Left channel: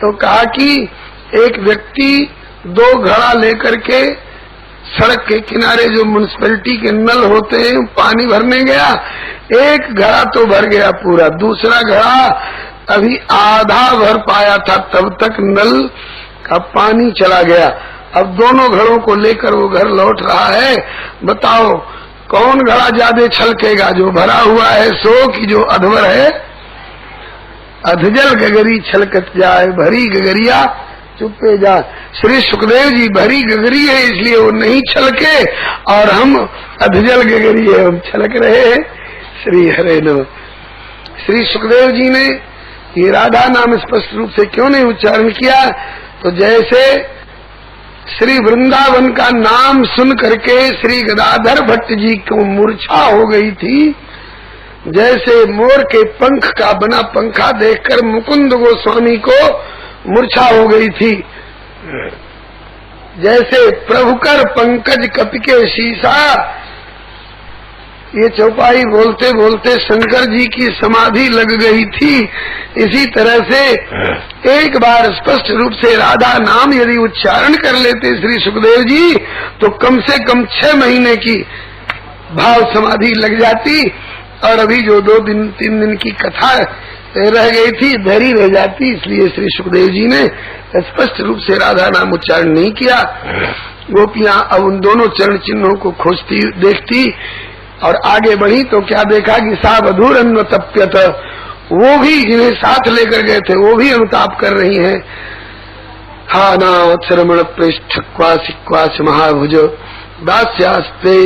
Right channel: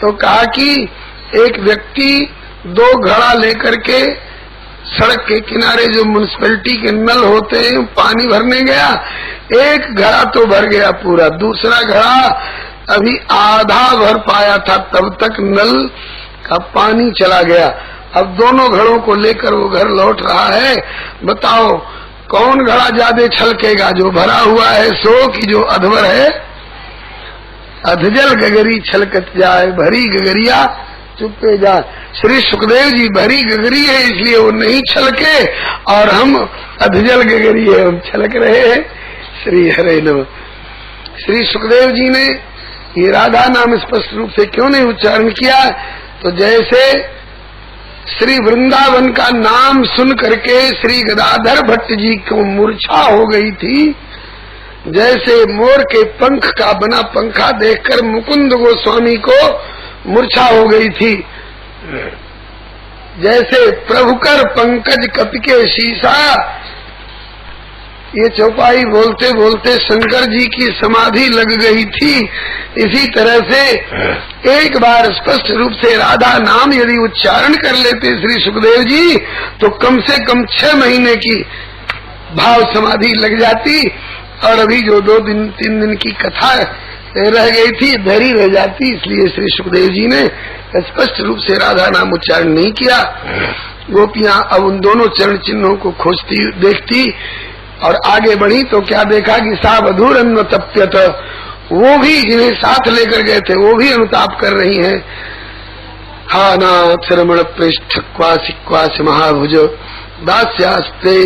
तो कहा कि एक व्यक्ति 2 घड़ा लेकर के सड़क के किनारे जो म्युनिसिपैलिटी के नल होते हैं पानी भरने गया। एक घड़ा तो भर गया पूरा, दूसरा घड़ा अभी आधा भर पाया था, तब तक नल का पानी चला गया। अब दोनों घड़ों को लेकर वो घर लौट रहा है। बताओ कौन घड़ा ज्यादा छलकेगा, जो भरा हुआ है सो कि जो अधवर है? अधजल गगरी छलकत जाए, भरी गगरिया चुपे जाए। श्री सुखदेव जी भरी गगरी है इसलिए वो नहीं छलके, और हम अधजल गगरी है, हम छलक रहे हैं। श्री हरे नमः। श्री सुखदेव जी ने ये राधा नाम स्पष्ट रूप से क्यों नहीं उच्चारण किया? तो जैसे श्री वृंदावन का नाम सुन करके श्री गदाधर भट्ट जी को मूर्छा हो गई थी, जैसे मोर के पंख का बना पंखा देखकर मुकुंद गोस्वामी को मूर्छा हो गई थी, जैसे प्रभुकर पंकज कपिके शीशा, ये चौपाई बोलते बोलते शंकर जी की समाधि लग गई थी। इसी तरह से एक बार स्पष्ट रूप से राधा नाम यदि उच्चारण कर लेते श्री सुखदेव जी, तो कम से कम 6 महीने की भाव समाधि लग जाती, और अभी जो 2-3 दिन की कथा रह गई थी धरी रह जाती। इसलिए श्री सुखदेव जी ने स्पष्ट रूप से राधा नाम उच्चारण नहीं किया। गोपियां अब उन दोनों चरण चिन्हों को खोजती देखती और आगे बढ़ी तो क्या देखा कि सा वधूर अन्वतप्यत, वो भी जिन्हें साथ लेकर गए थे वो भी अनुताप कर रही हैं। हा नाथ रमण पृष्ठ क्वासी क्वास महाभुज दास्यास्ते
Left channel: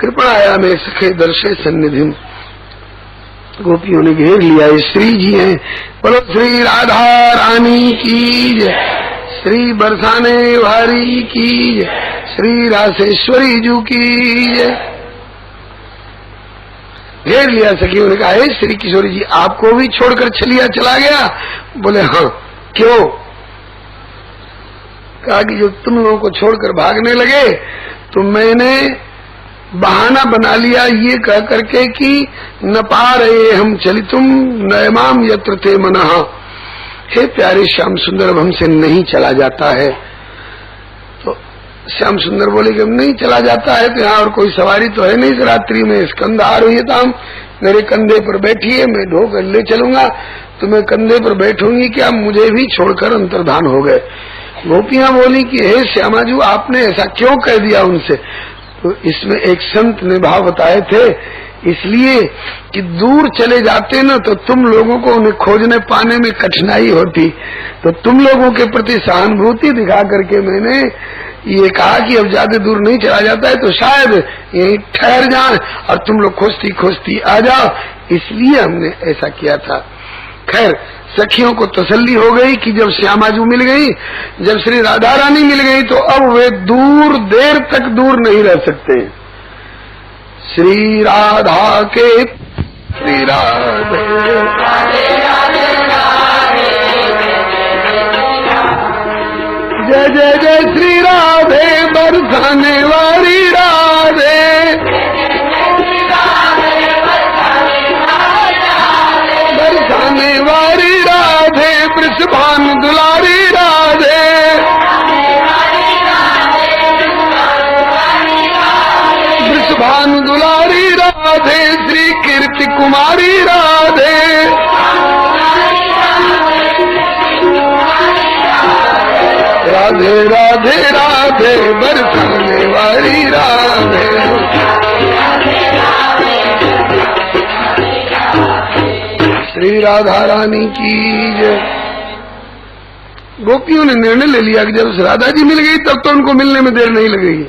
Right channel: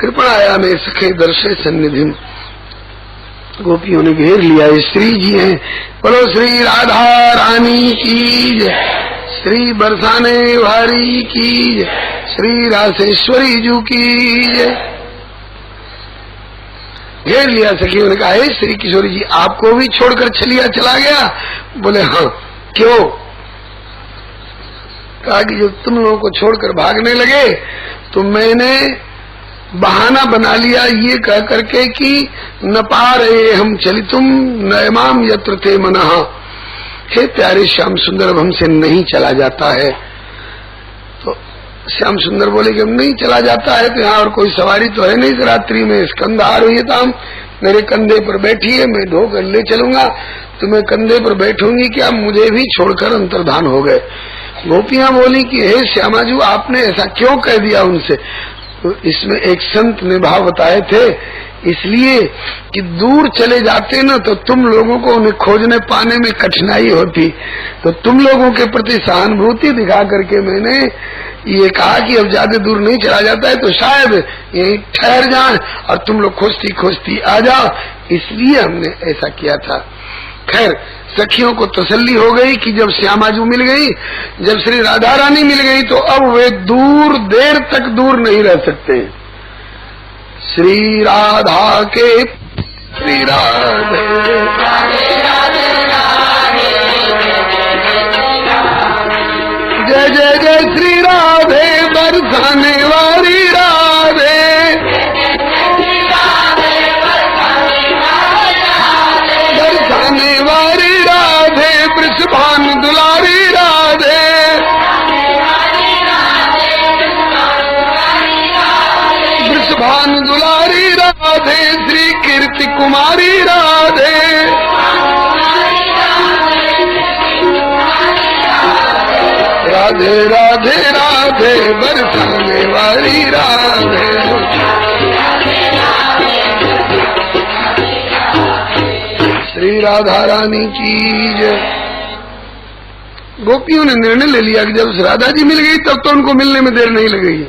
कृपणाया में सखे दर्शे सन्निधि। गोपियों ने घेर लिया, श्री जी हैं। बोलो श्री राधा रानी की जय, श्री बरसाने वारी की जय, श्री रासेश्वरी जू की जय। घेर लिया सखियों ने कहा, हे श्री किशोरी जी आपको भी छोड़कर चला गया? बोले हाँ। क्यों? कहा कि जब तुम लोगों को छोड़कर भागने लगे तो मैंने बहाना बना लिया ये कह करके कि न पा रहे हम चली तुम नयमाम यत्र थे मनः। हे प्यारे श्याम सुंदर अब हमसे नहीं चला जाता है। तो श्याम सुंदर बोले कि अब नहीं चला जाता है तो यहाँ और कोई सवारी तो है नहीं, रात्रि में स्कंद आरोहिताम, मेरे कंधे पर बैठिए मैं ढोकर ले चलूंगा। तुम्हें कंधे पर बैठूंगी क्या? मुझे भी छोड़कर अंतर्धान हो गए। गोपियां बोली कि हे श्यामाजू आपने ऐसा क्यों कह दिया उनसे? तो इसमें एक संत ने भाव बताए थे, इसलिए कि दूर चले जाते ना तो तुम लोगों को उन्हें खोजने पाने में कठिनाई होती, तो तुम लोगों के प्रति सहानुभूति दिखा करके मैंने ये कहा कि अब ज्यादा दूर नहीं चला जाता है तो शायद यहीं ठहर जाए और तुम लोग खोजती खोजती आ जाओ, इसलिए हमने ऐसा किया था। खैर सखियों को तसल्ली हो गई कि जब श्यामाजू मिल गई, जब श्री राधा रानी मिल गई तो अब वे दूर देर तक दूर नहीं रह सकते। श्री राधा के श्री राधे जय जय जय श्री राधे बरसाने वाली राधे, बरसाने वाली राधे वृषभान दुलारी राधे, वृषभान दुलारी राधे श्री कीर्ति कुमारी राधे, राधे राधे राधे बरसाने वाली राधे। श्री राधा रानी की जय। गोपियों ने निर्णय ले लिया कि जब राधा जी मिल गई तब तो उनको मिलने में देर नहीं लगेगी,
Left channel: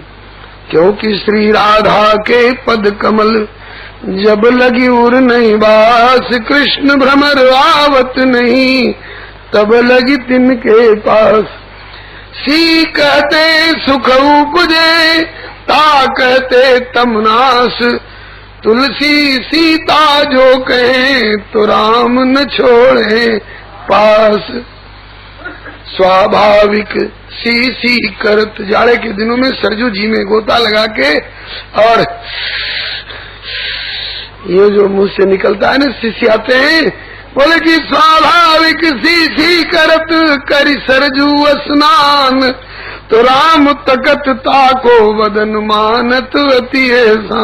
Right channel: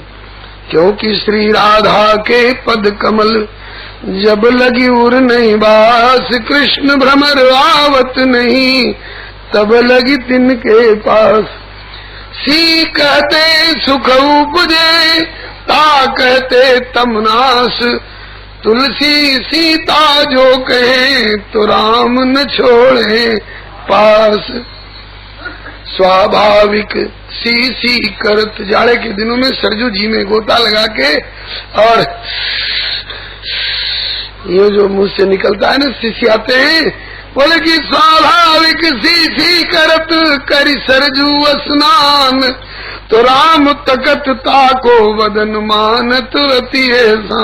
क्योंकि श्री राधा के पद कमल जब लगी उर नहीं बास, कृष्ण भ्रमर आवत नहीं तब लगी तिनके पास। सी कहते सुख उपजे ता कहते तमनास, तुलसी सीता जो कहे तो राम न छोड़े पास। स्वाभाविक सी सी करत, जाड़े के दिनों में सरजू जी में गोता लगा के और ये जो मुंह से निकलता है ना शिष्य आते हैं, बोले कि स्वाभाविक सी सी करत करि सरजू स्नान, तो राम तकत ताको वदन मानत अति ऐसा।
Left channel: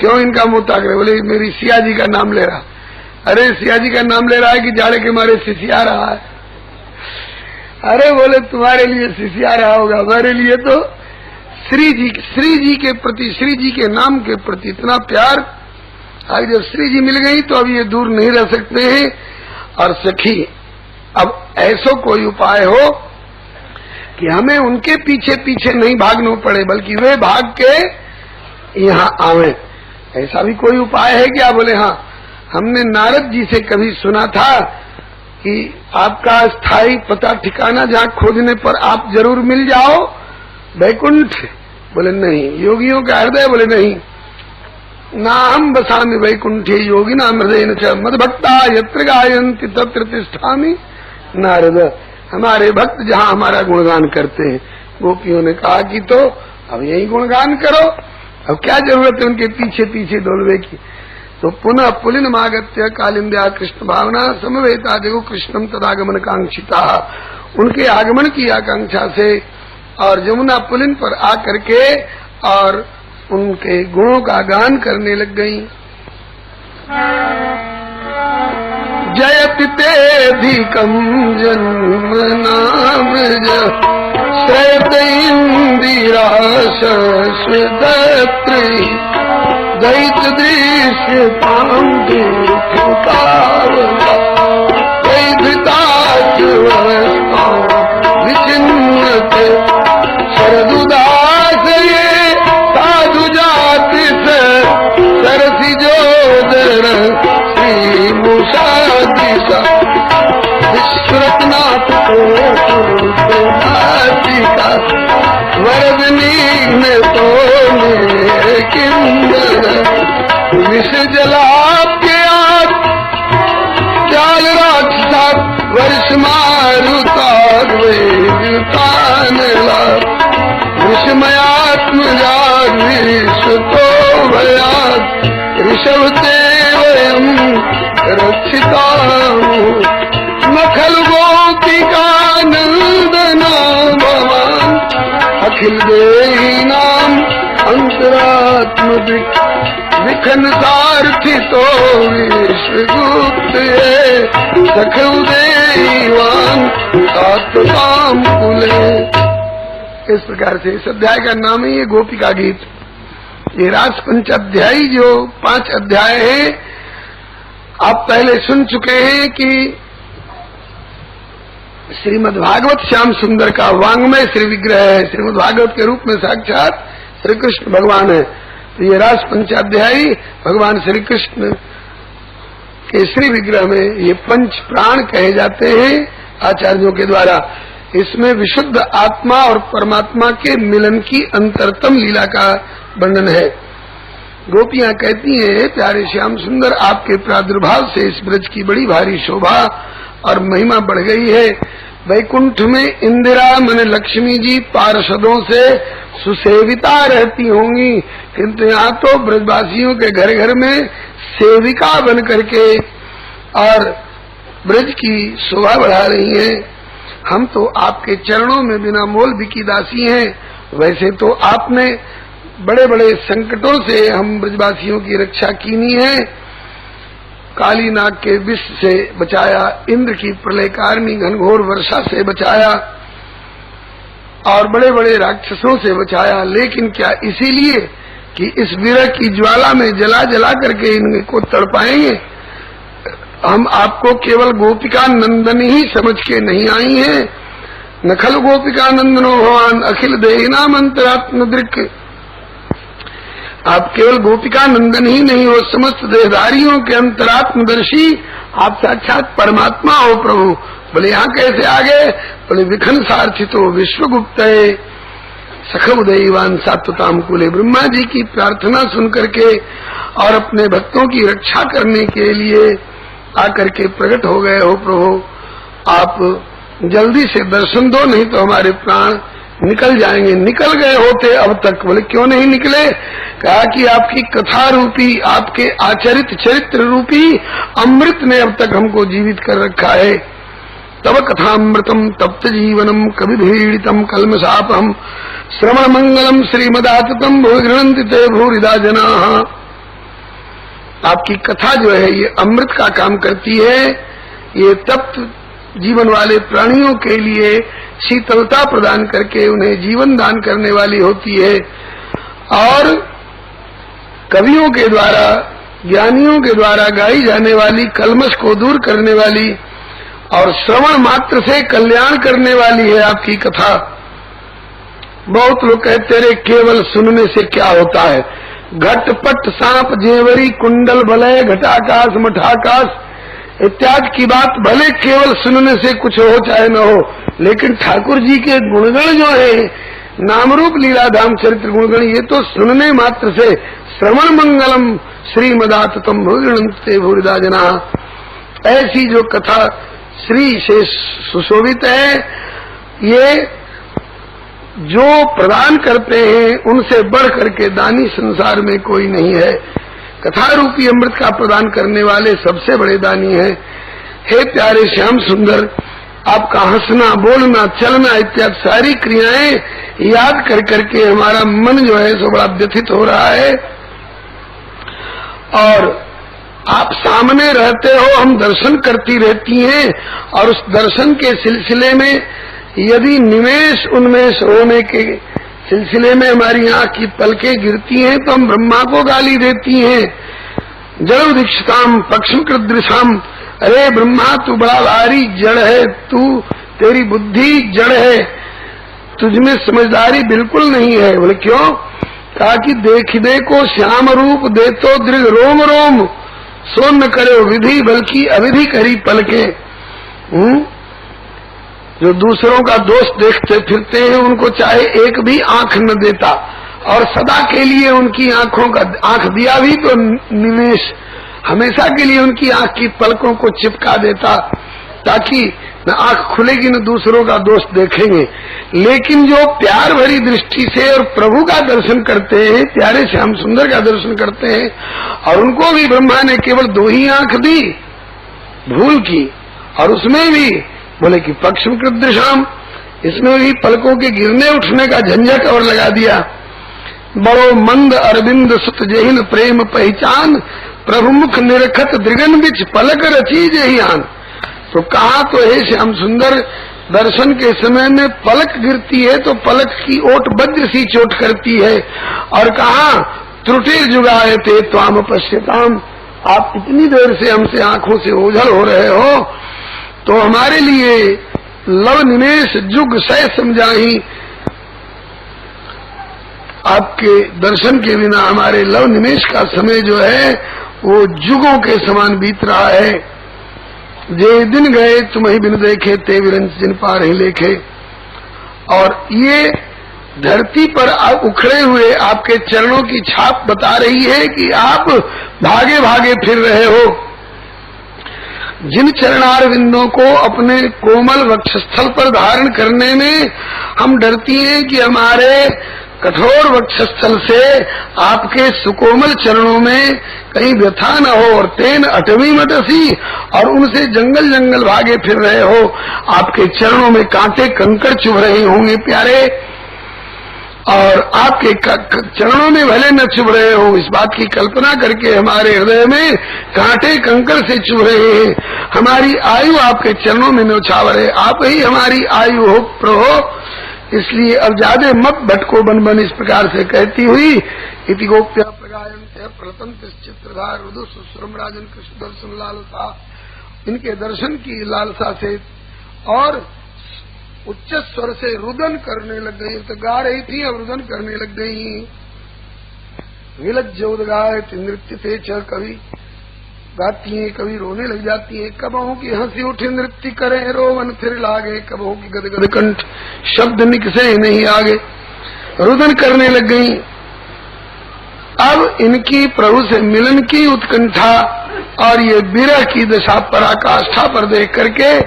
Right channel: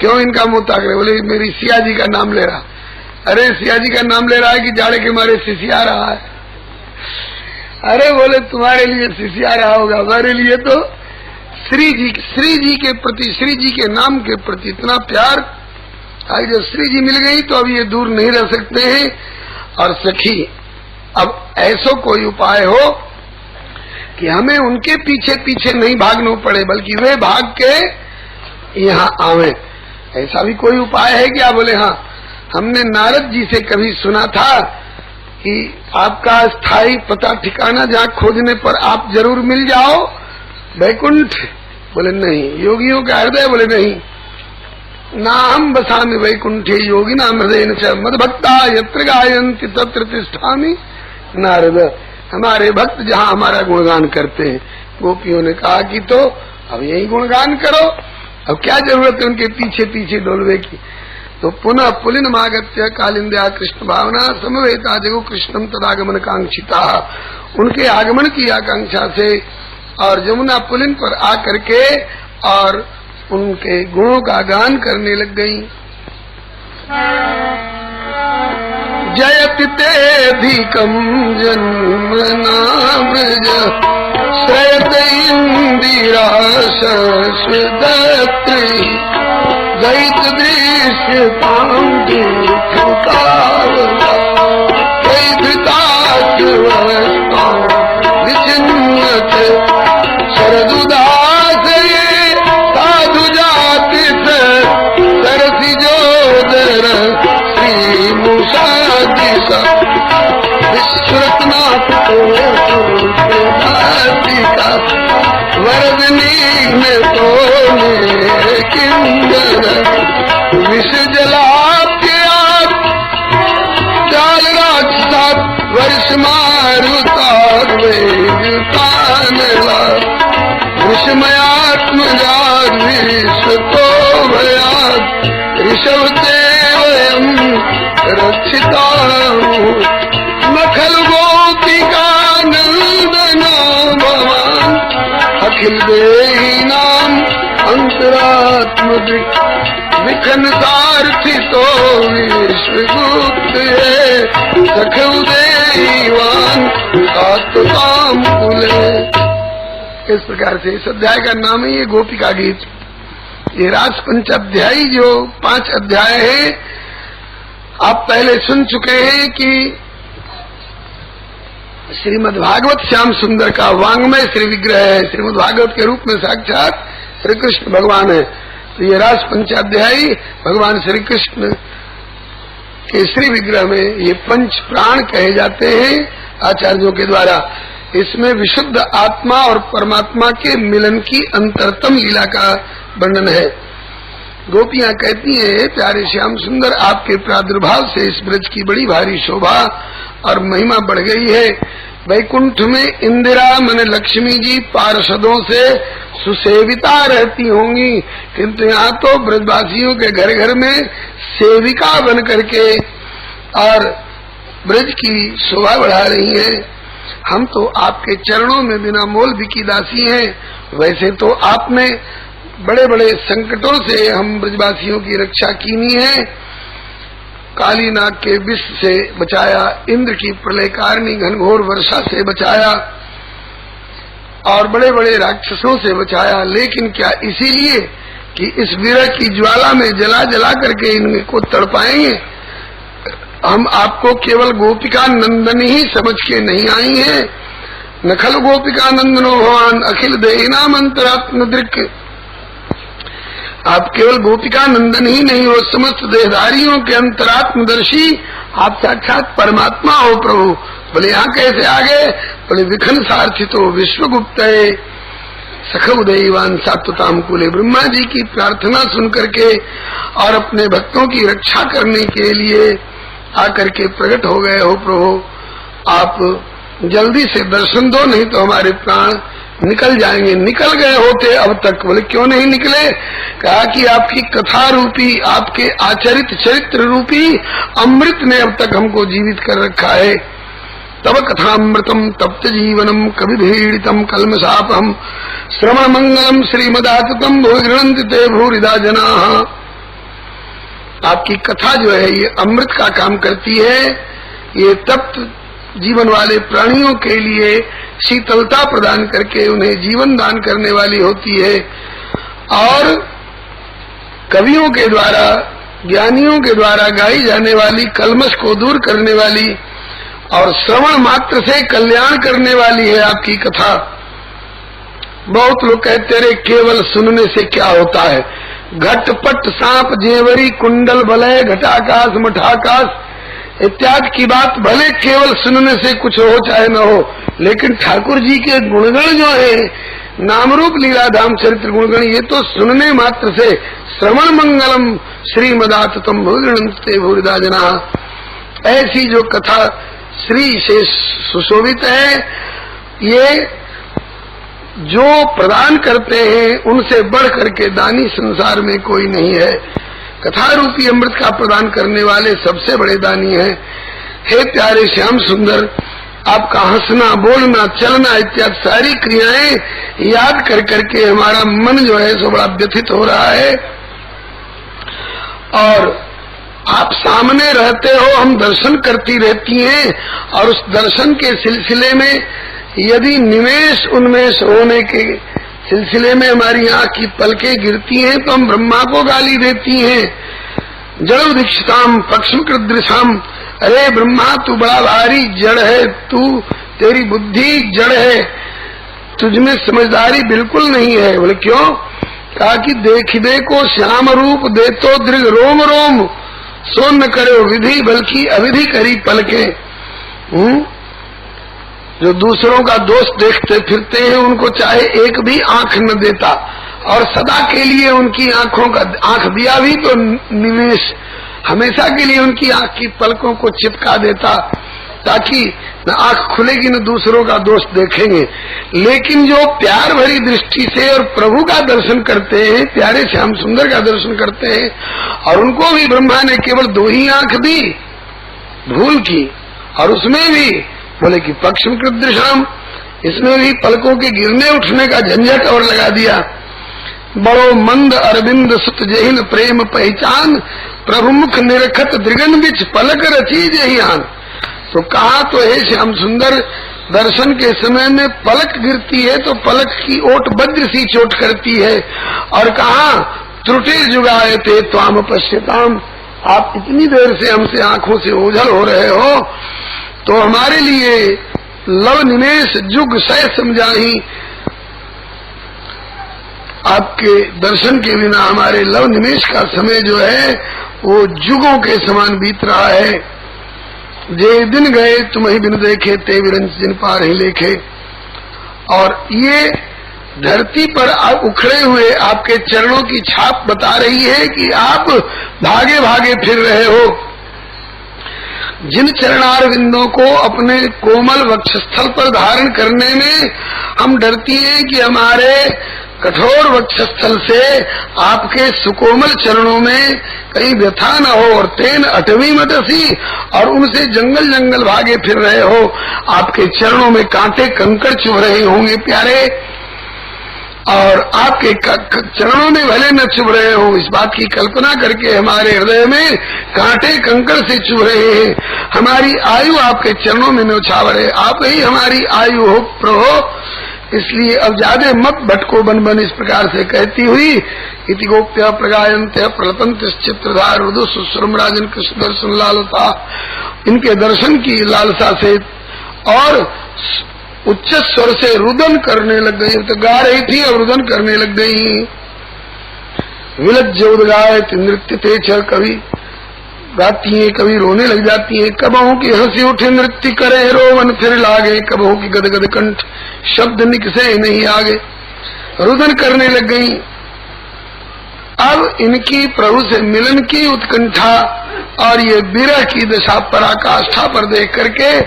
क्यों इनका मुंह ताक रहे? बोले मेरी सिया जी का नाम ले रहा। अरे सिया जी का नाम ले रहा है कि जाड़े के मारे सिसिया रहा है? अरे बोले तुम्हारे लिए सिसिया रहा होगा, हमारे लिए तो श्री जी के प्रति, श्री जी के नाम के प्रति इतना प्यार। आज जब श्री जी मिल गई तो अब ये दूर नहीं रह सकते हैं। और सखी, अब ऐसा कोई उपाय हो कि हमें उनके पीछे पीछे नहीं भागना पड़े, बल्कि वे भाग के यहाँ आवे। ऐसा भी कोई उपाय है क्या? बोले हाँ, हमने नारद जी से कभी सुना था कि आपका स्थायी पता ठिकाना जहाँ खोजने पर आप जरूर मिल जाओ, वैकुंठ। बोले नहीं। योगियों का हृदय? बोले नहीं। नाम बसामि वैकुंठे योगी नाम हृदय न मदभक्ता यत्र गायन्ति तत्र तिष्ठामि नारद। हमारे भक्त जहाँ हमारा गुणगान करते हैं। गोपियों ने कहा कि तो अब यही गुणगान करो, अब क्या जरूरत है उनके पीछे पीछे डोलवे की। तो पुनः पुलिनमागत्य कालिंद्या कृष्ण भावना समवेता जगो कृष्णम तदागमन कांक्षिता। उनके आगमन की आकांक्षा से और यमुना पुलिन पर आकर के और उनके गुणों का गान करने लग गई। जयति तेधिकम जन्म नाम श्रयत इंदिरा शश्वदत्री दैत दृश्य पांडु विचिन्यत शरदुदास ये साधु जाति सरसी जोदर श्री मुषादिका विश्वनाथ वरदनी में तो मेरे किंदर विष जलाप्य आप जाल राक्षा वर्ष मारुतार ऋषमयात्म तो भयात ऋषभ ते वयम रक्षिता नखल गोपिका नंदना भवान अखिल देही नाम अंतरात्म विखन सारथी तो विश्वगुप्त सखल देवान काम कुले। इस प्रकार से इस अध्याय का नाम है ये गोपिका गीत। ये रास पंचाध्यायी जो 5 अध्याय है, आप पहले सुन चुके हैं कि श्रीमद्भागवत श्याम सुंदर का वांग्मय श्री विग्रह है। श्रीमद्भागवत के रूप में साक्षात श्री कृष्ण भगवान है। तो ये रास पंचाध्यायी भगवान श्री कृष्ण के श्री विग्रह में ये 5 प्राण कहे जाते हैं आचार्यों के द्वारा। इसमें विशुद्ध आत्मा और परमात्मा के मिलन की अंतरतम लीला का वर्णन है। गोपियां कहती हैं, प्यारे श्याम सुंदर, आपके प्रादुर्भाव से इस ब्रज की बड़ी भारी शोभा और महिमा बढ़ गई है। वैकुंठ में इंदिरा मन लक्ष्मी जी पार्षदों से सुसेविता रहती होंगी, किंतु यहाँ तो ब्रजवासियों के घर घर में सेविका बन करके और ब्रज की शोभा बढ़ा रही हैं। हम तो आपके चरणों में बिना मोल बिकी दासी हैं। वैसे तो आपने बड़े बड़े संकटों से हम ब्रजवासियों की रक्षा कीनी है। काली नाग के विष से बचाया, इंद्र की प्रलयकारिणी घनघोर वर्षा से बचाया और बड़े बड़े राक्षसों से बचाया। लेकिन क्या इसीलिए कि इस विरह की ज्वाला में जला जला करके इनको तड़पाएंगे? हम आपको केवल गोपिका नंदन ही समझ के नहीं आई हैं। नखल गोपिका नंदनो भगवान अखिल देहिनाम अंतरात्म दृक्। आप केवल गोपिका नंदन ही नहीं हो, समस्त देहधारियों के अंतरात्मदर्शी आप साक्षात परमात्मा हो प्रभु। बोले यहाँ कैसे आ गए? बोले विखन सारथी तो विश्वगुप्त है सखव दैवान सात्वताम कुले। ब्रह्मा जी की प्रार्थना सुन करके और अपने भक्तों की रक्षा करने के लिए आकर के प्रकट हो गए हो प्रभु। आप जल्दी से दर्शन दो, नहीं तो हमारे प्राण निकल जाएंगे। निकल गए होते अब तक। बोले क्यों नहीं निकले? कहा कि आपकी कथा रूपी, आपके आचरित चरित्र रूपी अमृत ने अब तक हमको जीवित कर रखा है। तब कथामृतम तप्त जीवनम कवि भीड़ितम कलमशापहम श्रवण मंगलम श्रीमदाततम भूरि गृह्णन्ति ते भूरिदा जना। आपकी कथा जो है ये अमृत का काम करती है, ये तप्त जीवन वाले प्राणियों के लिए शीतलता प्रदान करके उन्हें जीवन दान करने वाली होती है, और कवियों के द्वारा ज्ञानियों के द्वारा गाई जाने वाली कलमश को दूर करने वाली और श्रवण मात्र से कल्याण करने वाली है आपकी कथा। बहुत लोग कहते रहे केवल सुनने से क्या होता है, घटपट सांप जेवरी कुंडल बलय घटाकाश मठाकाश इत्यादि की बात भले केवल सुनने से कुछ हो चाहे न हो, लेकिन ठाकुर जी के गुणगण जो है नामरूप लीलाधाम चरित्र गुणगण, ये तो सुनने मात्र से श्रवण मंगलम श्रीमदाततम भूरिणन्ते भूरिदा जना। ऐसी जो कथा श्री से सुशोभित है, ये जो प्रदान करते हैं उनसे बढ़ करके दानी संसार में कोई नहीं है। कथा रूपी अमृत का प्रदान करने वाले सबसे बड़े दानी हैं। हे प्यारे श्याम सुंदर, आपका हंसना बोलना चलना इत्यादि सारी क्रियाएं याद कर करके हमारा मन जो है सो बड़ा व्यथित हो रहा है, और आप सामने रहते हो, हम दर्शन करती रहती हैं, और उस दर्शन के सिलसिले में यदि निमेष उन्मेष होने के सिलसिले में हमारी आंख की पलकें गिरती हैं तो हम ब्रह्मा को गाली देती हैं। जड़ दीक्षिताम पक्षकृत दृशाम, अरे ब्रह्मा तू बड़ा भारी जड़ है, तू तेरी बुद्धि जड़ है, तुझमें समझदारी बिल्कुल नहीं है। बोले क्यों? कहा कि देखिबे को श्याम रूप दे तो दृढ़ रोम रोम, सो न करे विधि बल्कि अविधि करी पलके। जो दूसरों का दोष देखते फिरते हैं उनको चाहे एक भी आंख न देता, और सदा के लिए उनकी आंखों का आंख दिया भी तो निवेश, हमेशा के लिए उनकी आंख की पलकों को चिपका देता, ताकि न आंख खुलेगी न दूसरों का दोष देखेंगे। लेकिन जो प्यार भरी दृष्टि से और प्रभु का दर्शन करते हैं, प्यारे श्याम सुंदर का दर्शन करते हैं, और उनको भी ब्रह्मा ने केवल 2 ही आंख दी भूल की, और उसमें भी बोले कि पक्षकृत दृशाम, इसमें भी पलकों के गिरने उठने का झंझट और लगा दिया। बड़ो मंद अरविंद सुत जहिन प्रेम पहचान, प्रभु मुख निरखत दृगन बिच पलक रची जहियान। तो कहा तो हे श्याम सुंदर, दर्शन के समय में पलक गिरती है तो पलक की ओट वज्र सी चोट करती है, और कहा त्रुटि जुगाए थे त्वाम पश्यताम, आप इतनी देर से हमसे आंखों से ओझल हो रहे हो, तो हमारे लिए लव निमेष जुग सह समझाही, आपके दर्शन के बिना हमारे लव निमेष का समय जो है वो जुगों के समान बीत रहा है। जे दिन गए तुम्हें बिन देखे ते विरंच जिन पार ही लेखे। और ये धरती पर उखड़े हुए आपके चरणों की छाप बता रही है कि आप भागे भागे फिर रहे हो। जिन चरणार विंदों को अपने कोमल वक्षस्थल पर धारण करने में हम डरती हैं कि हमारे कठोर वक्षस्थल से आपके सुकोमल चरणों में कहीं व्यथा न हो, और तेन अटवी मटसी, और उनसे जंगल जंगल भागे फिर रहे हो, आपके चरणों में कांटे कंकड़ चुभ रहे होंगे प्यारे, और आपके चरणों में भले न चुभ रहे हो, इस बात की कल्पना करके हमारे हृदय में कांटे कंकड़ से चुभ रहे हैं। हमारी आयु आपके चरणों में न्योछावर है, आप ही हमारी आयु हो प्रभो, इसलिए अब ज्यादा मत भटको बन बन, इस प्रकार से कहती हुई इति गोप्य प्रगायन्ते प्रलपन्त चित्रधार रुदु सुश्रम राजन कृष्ण दर्शन लालसा, इनके दर्शन की लालसा से और उच्च स्वर से रुदन करने लग गई। तो गा रही थी और रुदन करने लग गई। विलज्ज उदगाय नृत्य थे छ, कभी गाती हैं कभी रोने लग जाती हैं। कबहों की हंसी उठे नृत्य करे रोवन फिर लागे, कबहों की गदगद कंठ शब्द निकसे नहीं आगे, रुदन करने लग गई। अब इनकी प्रभु से मिलन की उत्कंठा और ये विरह की दशा पराकाष्ठा पर देख करके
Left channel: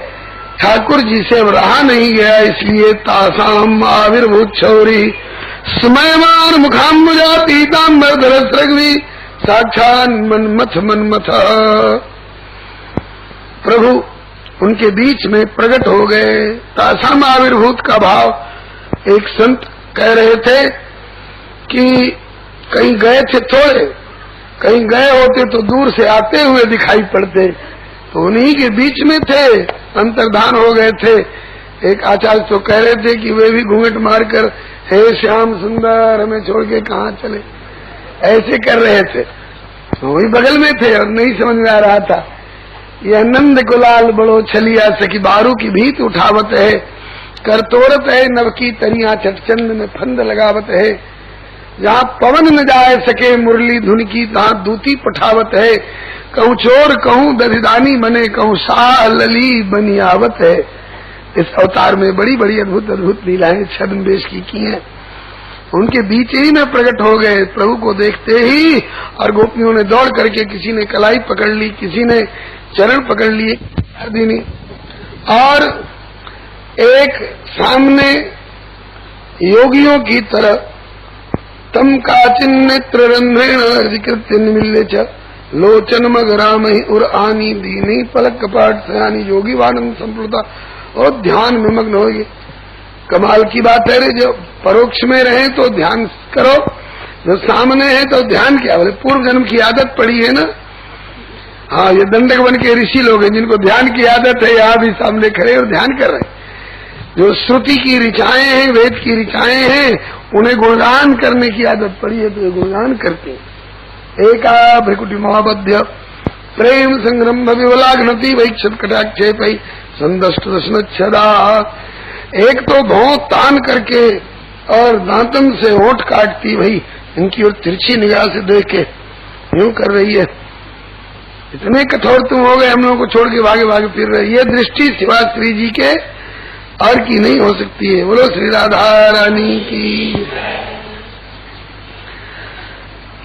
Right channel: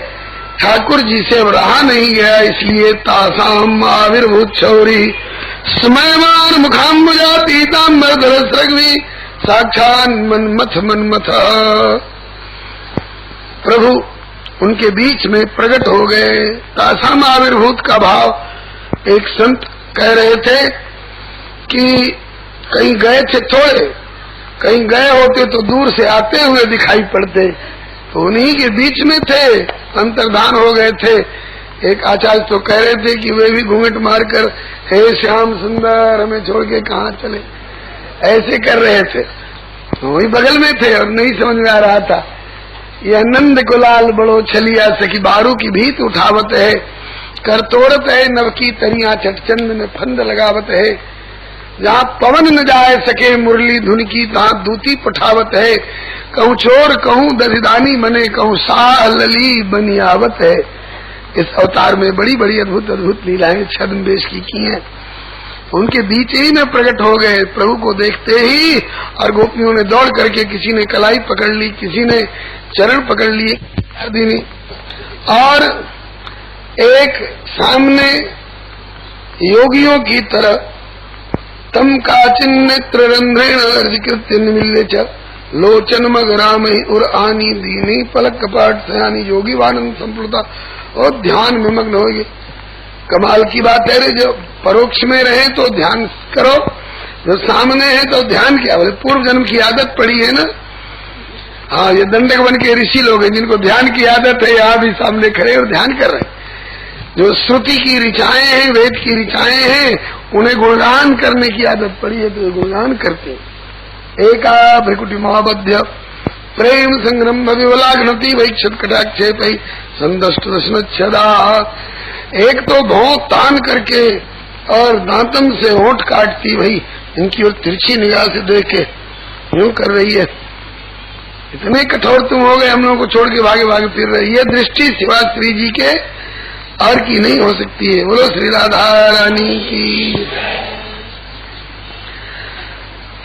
ठाकुर जी से रहा नहीं गया, इसलिए तासाम आविर्भूत छौरी स्मयमान मुखाम्बुजा पीताम्बर धरस्रग्वी साक्षात मनमथ मनमथ। प्रभु उनके बीच में प्रकट हो गए। तासाम आविर्भूत का भाव एक संत कह रहे थे कि कहीं गए थे थोड़े, कहीं गए होते तो दूर से आते हुए दिखाई पड़ते, तो उन्हीं के बीच में थे, अंतर्धान हो गए थे। एक आचार्य तो कह रहे थे कि वे भी घूंघट मारकर हे श्याम सुंदर हमें छोड़ के कहाँ चले, ऐसे कर रहे थे। वही बगल में थे और नहीं समझ में आ रहा था। यह नंद गुलाल बड़ो छलिया सखी बारू की भीत उठावत है, कर तोड़त है नव की तरिया चटचंद में फंद लगावत है। जहाँ पवन न जाए सके मुरली धुन की तहाँ दूती पठावत है। कहूँ चोर कहूँ दधिदानी बने कहूँ साह लली बनियावत है। इस अवतार में बड़ी बड़ी अद्भुत अद्भुत लीलाएं छद्मवेश की हैं। उनके बीच ही में प्रकट हो गए प्रभु को देखते ही, और गोपियों ने दौड़ करके किसी ने कलाई पकड़ ली, किसी ने चरण पकड़ लिए आदि ने, और एक सामने योगियों की तरह तम काचिन नेत्र रंध्रेण अर्जिकृत्य निमिल्ले च लोचन मगराम उर आनी दीनी पलक कपाट सयानी योगी वानंद संप्लुता और ध्यान में मग्न हो गए। कमाल की बात है रे, जो परोक्ष में रहे तो ध्यान करो, जो सामने है तो ध्यान क्या, बोले पूर्व जन्म की आदत पड़ी है ना। हाँ, ये दंडक बन के ऋषि लोग हैं जिनको ध्यान की आदत है, यहाँ भी सामने खड़े और ध्यान कर रहे हैं। जो श्रुति की ऋचाएं हैं, वेद की ऋचाएं हैं, उन्हें गुणगान करने की आदत पड़ी है तो गुणगान करते हैं। एका भ्रिकुटी महाबध्य प्रेम संग्रम विवलाघ्नति वैक्षत कटाक्षे पई संदष्ट दशनच्छदा। एक तो भौं तान करके और दांतन से होंठ काटती, भाई इनकी ओर तिरछी निगाह से देख के यूं कर रही है। इतने कठोर तुम हो गए, हम लोगों को छोड़ के भागे भागे फिर रहे। ये दृष्टि सिवा श्री जी के और की नहीं हो सकती है। बोलो श्री राधा रानी की।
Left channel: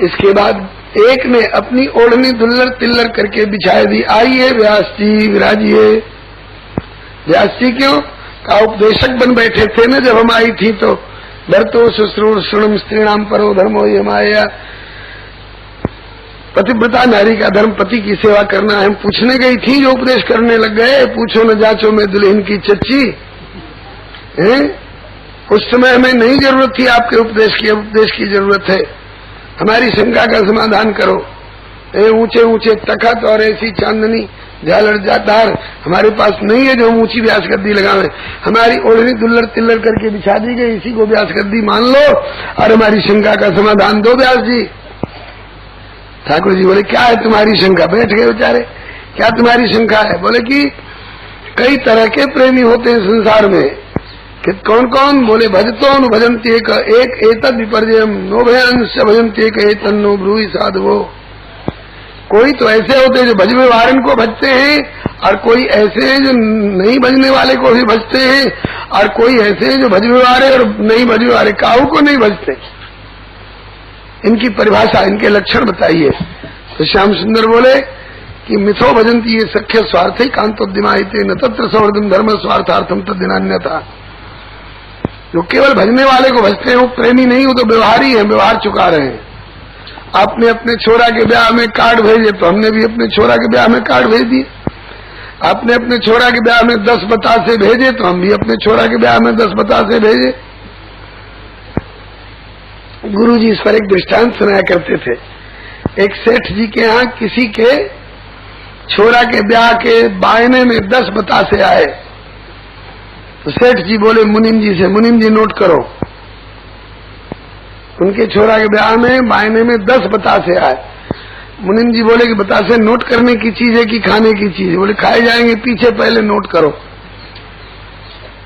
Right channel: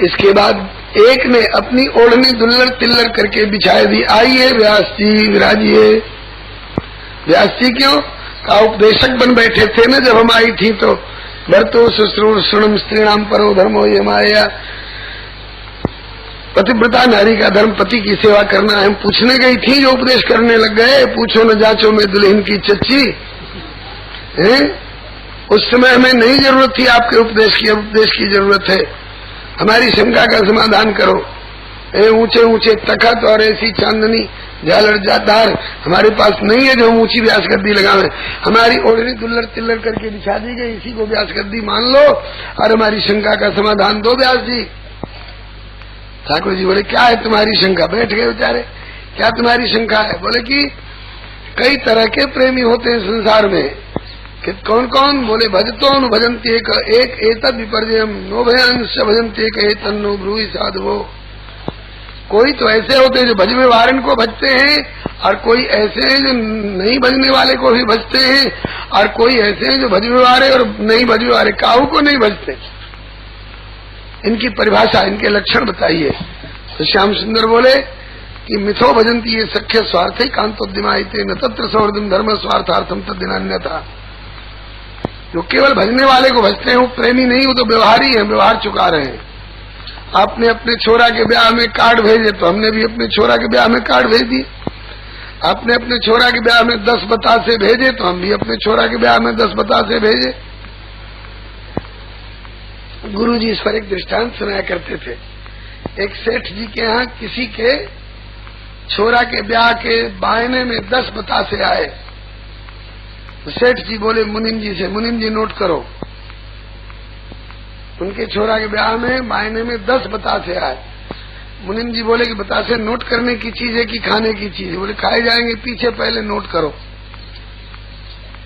इसके बाद एक ने अपनी ओढ़नी दुल्लर तिल्लर करके बिछाई दी। आइए व्यास जी विराजिए। व्यास जी क्यों का उपदेशक बन बैठे थे न जब हम आई थी, तो भरतो शुश्रूर श्रृणम स्त्रीणाम परो धर्मो ये माया। पतिव्रता नारी का धर्म पति की सेवा करना है। हम पूछने गई थी, जो उपदेश करने लग गए, पूछो न जाचो में दुल्हन की चच्ची है। उस समय हमें नहीं जरूरत थी आपके उपदेश की, अब उपदेश की जरूरत है। हमारी शंका का समाधान करो। ऊंचे ऊंचे तखत और ऐसी चांदनी झालर जादार हमारे पास नहीं है जो हम ऊंची व्यास गद्दी लगावे। हमारी ओढ़नी दुल्लर तिल्लर करके बिछा दी गई, इसी को व्यास गद्दी मान लो और हमारी शंका का समाधान दो व्यास जी। ठाकुर जी बोले क्या है तुम्हारी शंका? बैठ गए बेचारे। क्या तुम्हारी शंका है? बोले कि कई तरह के प्रेमी होते हैं संसार में। कि कौन कौन? बोले भजतो नु भजंती एक एतद विपर्जयम नो भयांश भजंती एक एतन्नो ब्रूहि साधवो। कोई तो ऐसे होते हैं जो भजने वाले को भजते हैं, और कोई ऐसे हैं जो नहीं भजने वाले को भी भजते हैं, और कोई ऐसे हैं जो भजने वाले और नहीं भजने वाले काहू को नहीं भजते। इनकी परिभाषा, इनके लक्षण बताइए। तो श्याम सुंदर बोले कि मिथो भजंती ये सख्य स्वार्थ कांतोद्यमायते न तत्र सौर्धम धर्म स्वार्थार्थम तद्दिनान्यथा। जो केवल भजने वाले को भजते हैं वो प्रेमी नहीं, वो तो व्यवहारी है, व्यवहार चुका रहे हैं। आपने अपने छोरा के ब्याह में कार्ड भेजे तो हमने भी अपने छोरा के ब्याह में कार्ड भेज दिए। आपने अपने छोरा के ब्याह में 10 बतासे भेजे तो हम भी अपने छोरा के ब्याह में 10 बतासे भेजे। गुरु जी इस पर एक दृष्टांत सुनाया करते थे। एक सेठ जी के यहाँ किसी के छोरा के ब्याह के बायने में 10 बतासे आए। तो सेठ जी बोले मुनिम जी से, मुनिम जी नोट करो। उनके छोरा के ब्याह में बायने में 10 बतासे आए। मुनिम जी बोले कि बतासे नोट करने की चीज है कि खाने की चीज है? बोले खाए जाएंगे, पीछे पहले नोट करो।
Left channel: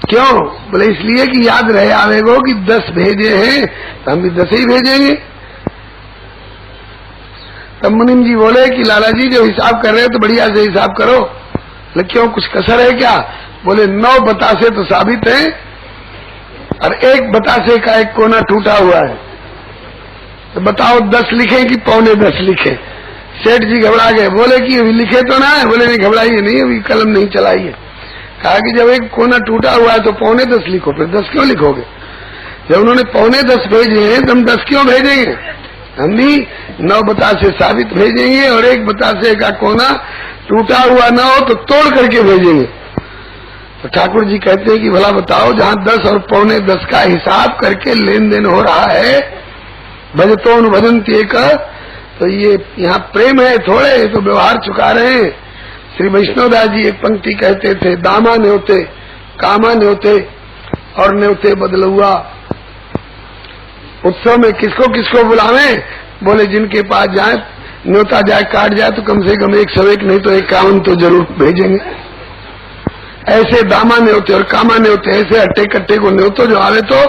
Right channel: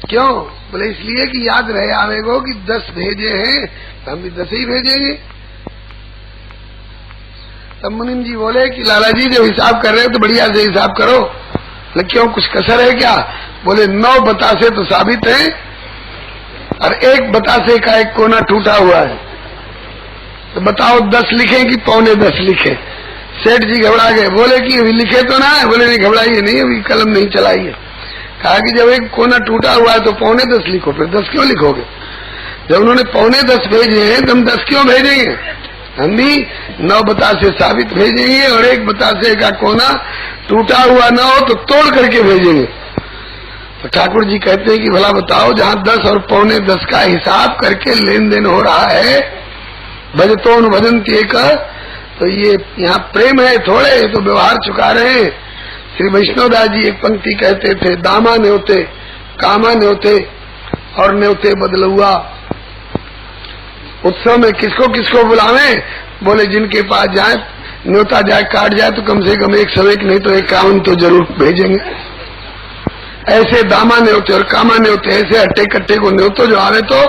क्यों? बोले इसलिए कि याद रहे आवेगो कि 10 भेजे हैं तो हम भी 10 ही भेजेंगे। तब मुनिम जी बोले कि लाला जी जो हिसाब कर रहे हो तो बढ़िया से हिसाब करो। बोले क्यों, कुछ कसर है क्या? बोले 9 बतासे तो साबित है और 1 बतासे का एक कोना टूटा हुआ है। तो बताओ 10 लिखे कि 9.25 लिखे? सेठ जी घबरा गए, बोले कि अभी लिखे तो ना है? बोले नहीं घबराइए नहीं, अभी कलम नहीं चलाई है। कहा कि जब एक कोना टूटा हुआ है तो 9.25 लिखो, फिर 10 क्यों लिखोगे? जब उन्होंने 9.25 भेजे हैं तो हम 10 क्यों भेजेंगे? हम भी 9 बतासे साबित भेजेंगे और 1 बतासे का कोना टूटा हुआ ना हो तो तोड़ करके भेजेंगे। तो ठाकुर जी कहते हैं कि भला बताओ, जहाँ 10 और पौने 10 का हिसाब करके लेन देन हो रहा है, भजतोन भजंती का, तो ये यहाँ प्रेम है थोड़े, तो व्यवहार चुका रहे हैं। श्री वैष्णवदास जी एक पंक्ति कहते थे, दामा न्योते कामा न्योते और न्योते बदलुआ। उत्सव में किसको किसको बुलावे? बोले जिनके पास जाए, न्योता जाए काट जाए तो कम से कम एक सवेक नहीं तो एक कावन तो जरूर भेजेंगे। ऐसे दामा न्योते और कामा न्योते, ऐसे अट्टे कट्टे को न्योतो जो आवे तो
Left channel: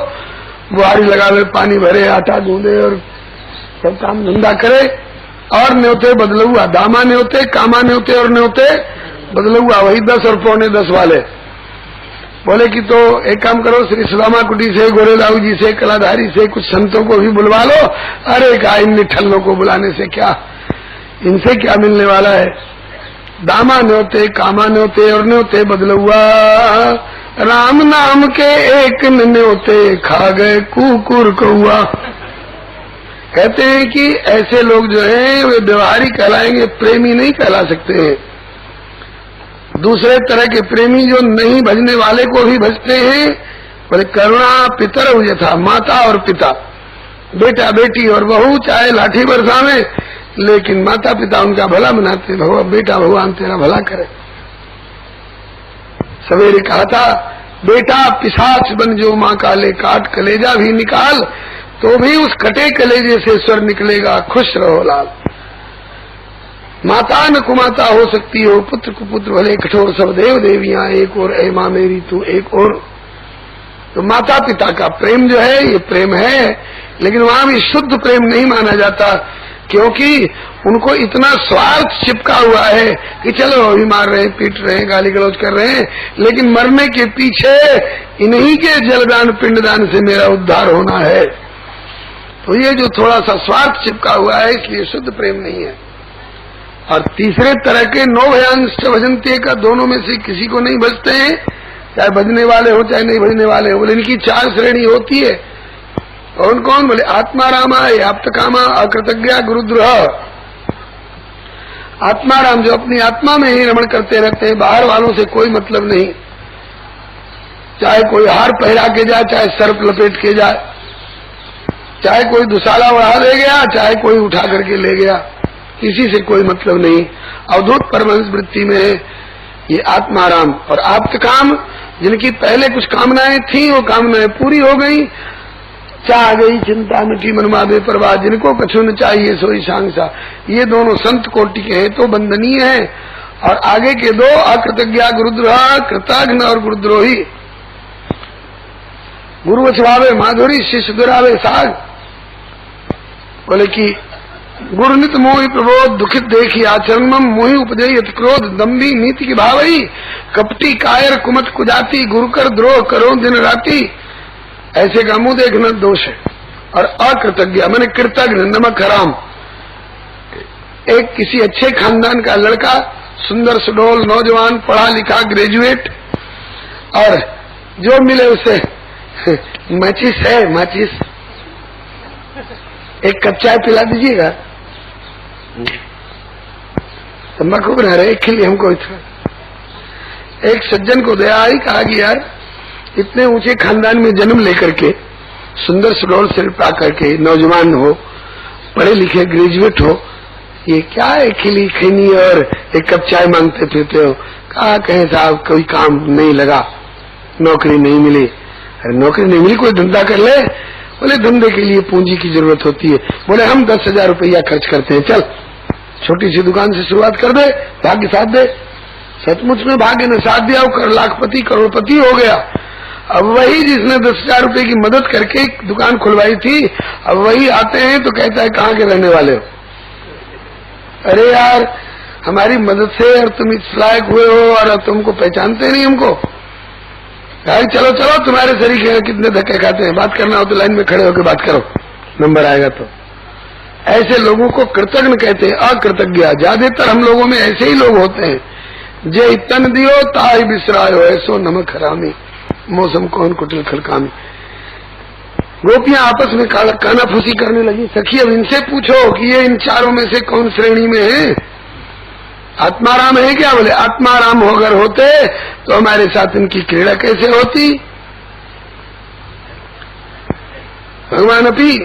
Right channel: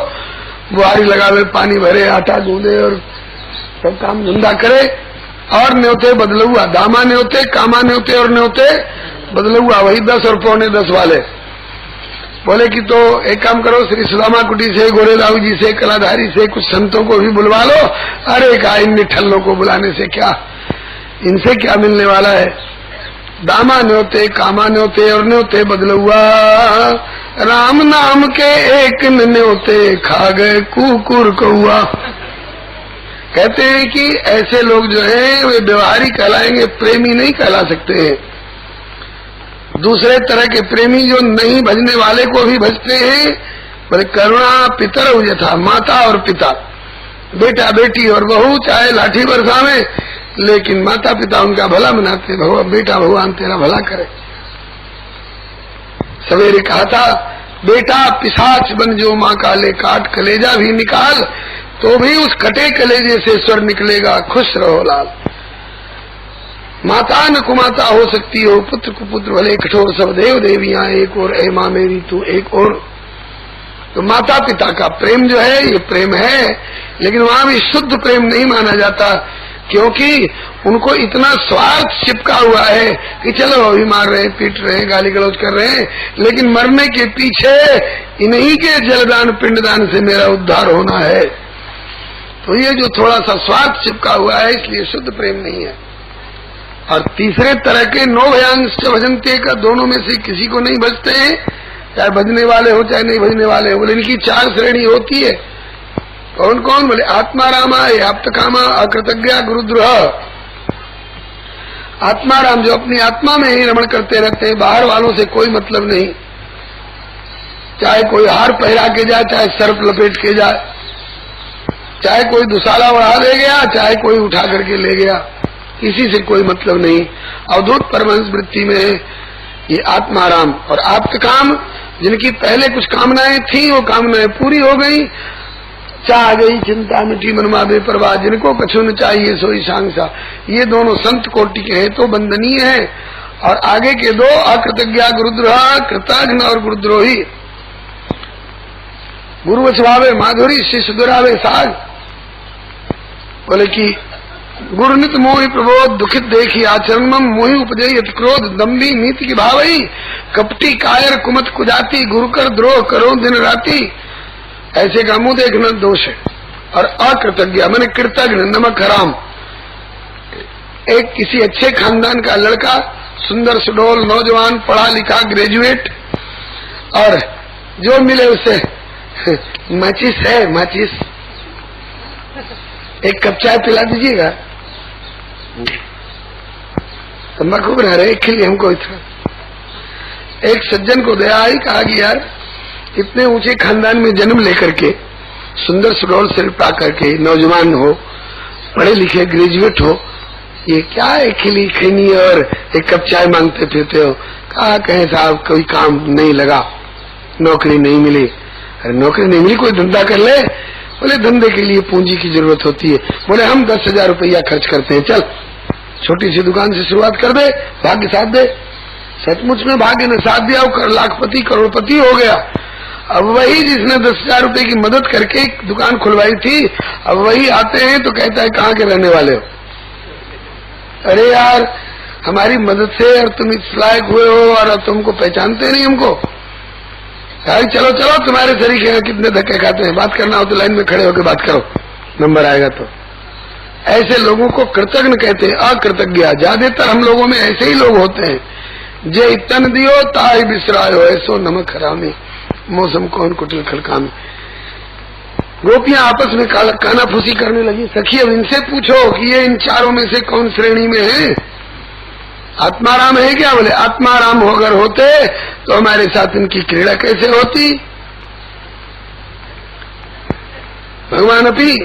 बुहारी लगावे, पानी भरे, आटा गूंदे और सब काम धंधा करे। और न्योते बदलुआ, दामा न्योते कामा न्योते और न्योते बदलुआ, वही 10 और पौने 10 वाले। बोले कि तो एक काम करो, श्री सुदामा कुटी से, गोरेदाऊ जी से, कलाधारी से कुछ संतों को भी बुलवा लो। अरे का इन निठल्लों को बुलाने से क्या, इनसे क्या मिलने वाला है? दामा न्योते कामा न्योते और न्योते बदलुआ, राम नाम के एक न्योते खा गए कुकुर कौआ। कहते हैं कि ऐसे लोग जो हैं वे व्यवहारी कहलाएंगे, प्रेमी नहीं कहला सकते हैं। दूसरे तरह के प्रेमी जो नहीं भजने वाले को भी भजते हैं। बोले करुणा पितर यथा, माता और पिता, बेटा बेटी और बहू चाहे लाठी बरसावे, लेकिन माता पिता उनका भला मनाते। भगवान बेटा भगवान तेरा भला करे। सवेरे कहा था, बेटा पिशाच बन जो माँ का ले, काट कलेजा भी निकाल तो भी उस कटे कलेजे से स्वर निकलेगा, खुश रहो लाल। माता न कुमाता हो सकती हो, पुत्र कुपुत्र भले कठोर, सब देव देवियां एक और, ऐ माँ मेरी तू एक और। तो माता पिता का प्रेम जो है ये प्रेम है, लेकिन वहां भी शुद्ध प्रेम नहीं माना जाता, क्योंकि उनको इतना स्वार्थ चिपका हुआ है कि चलो अभी मार रहे हैं, पीट रहे हैं, गाली गलौज कर रहे हैं, लेकिन मरने के पीछे इन्हीं के जलदान पिंडदान से मेरा उद्धार होना है। तो ये जो थोड़ा सा स्वार्थ चिपका हुआ है, इसलिए शुद्ध प्रेम नहीं है। और तीसरे तरह के नो भयांश भजनते का, दोनों में से किसी को नहीं भजते हैं, चाहे भजने वाले हो चाहे नहीं भजने वाले हो। बोले इनकी 4 श्रेणी होती है। कौन कौन? बोले आत्मा रामा, आप्त कामा, अकृतज्ञा, गुरुद्रोह। आत्मा राम जो अपनी आत्मा में ही रमण करते रहते हैं, बाहर वालों से कोई मतलब नहीं, चाहे कोई हार पहरा के जाए, चाहे सर्प लपेट के जाए, चाहे कोई दुसाला उड़ा दे गया, चाहे कोई उठा करके ले गया, किसी से कोई मतलब नहीं। अवधूत परमहंस वृत्ति में है ये आत्माराम। और आप्त काम, जिनकी पहले कुछ कामनाएं थी वो कामनाएं पूरी हो गई, चाह गई चिंता मिटी मनमा बेपरवाह, जिनको कछु न चाहिए सोई सांसा। ये दोनों संत कोटि के हैं तो वंदनीय है। और आगे के 2 अकृतज्ञा गुरुद्रोह, कृतघ्न और गुरुद्रोही। गुरु वचवावे माधुरी, शिष्य दुरावे साग। बोले कि गुरु नित मोहि प्रबोध, दुखित देखी आचरण मम, मोहि उपजई अति क्रोध, दम्भी नीति की भावई, कपटी कायर कुमत कुजाति, गुरु कर द्रोह करो दिन राति। ऐसे का मुंह देखना दोष है। और अकृतज्ञ माने कृतज्ञ, नमक हराम। एक किसी अच्छे खानदान का लड़का, सुंदर सुडौल नौजवान, पढ़ा लिखा, ग्रेजुएट, और जो मिले उसे माचिस है, माचिस एक कप चाय पिला दीजिएगा, तम्बाकू बना रहे के लिए हमको इतना। एक सज्जन को दया आई, कहा कि यार इतने ऊंचे खानदान में जन्म लेकर के, सुंदर सुडौल सिर पा करके, नौजवान हो, पढ़े लिखे, ग्रेजुएट हो, ये क्या है खिली खैनी और एक कप चाय मांगते फिरते हो? कहा कहे साहब कोई काम नहीं लगा, नौकरी नहीं मिली। अरे नौकरी नहीं मिली, कोई धंधा कर ले। बोले धंधे के लिए पूंजी की जरूरत होती है। बोले हम 10,000 रुपया खर्च करते हैं, चल छोटी सी दुकान से शुरुआत कर दे, भाग्य साथ दे। सचमुच में भाग्य ने साथ दिया, वो लाखपति करोड़पति हो गया। अब वही जिसने 10,000 रुपए की मदद करके दुकान खुलवाई थी, अब वही आते हैं तो कहता है कहाँ के रहने वाले हो? अरे यार हमारी मदद से और तुम इस लायक हुए हो और अब तुमको पहचानते नहीं हमको। यार चलो चलो तुम्हारे शरीक हैं, कितने धक्के खाते हैं, बात करना हो तो लाइन में खड़े होकर बात करो, नंबर आएगा तो। ऐसे लोगों को कृतज्ञ कहते हैं, अकृतज्ञ। ज्यादातर हम लोगों में ऐसे ही लोग होते हैं, जे तन दियो ताई बिसरायो, ऐसो नमक हरामी, मौसम कौन कुटिल खलकामी। गोपियां आपस में कानाफूसी करने लगी। सखी अब इनसे पूछो कि ये इन चारों में से कौन श्रेणी में है? आत्माराम है क्या? बोले आत्माराम अगर होते तो हमारे साथ इनकी क्रीड़ा कैसे होती? भगवान अपी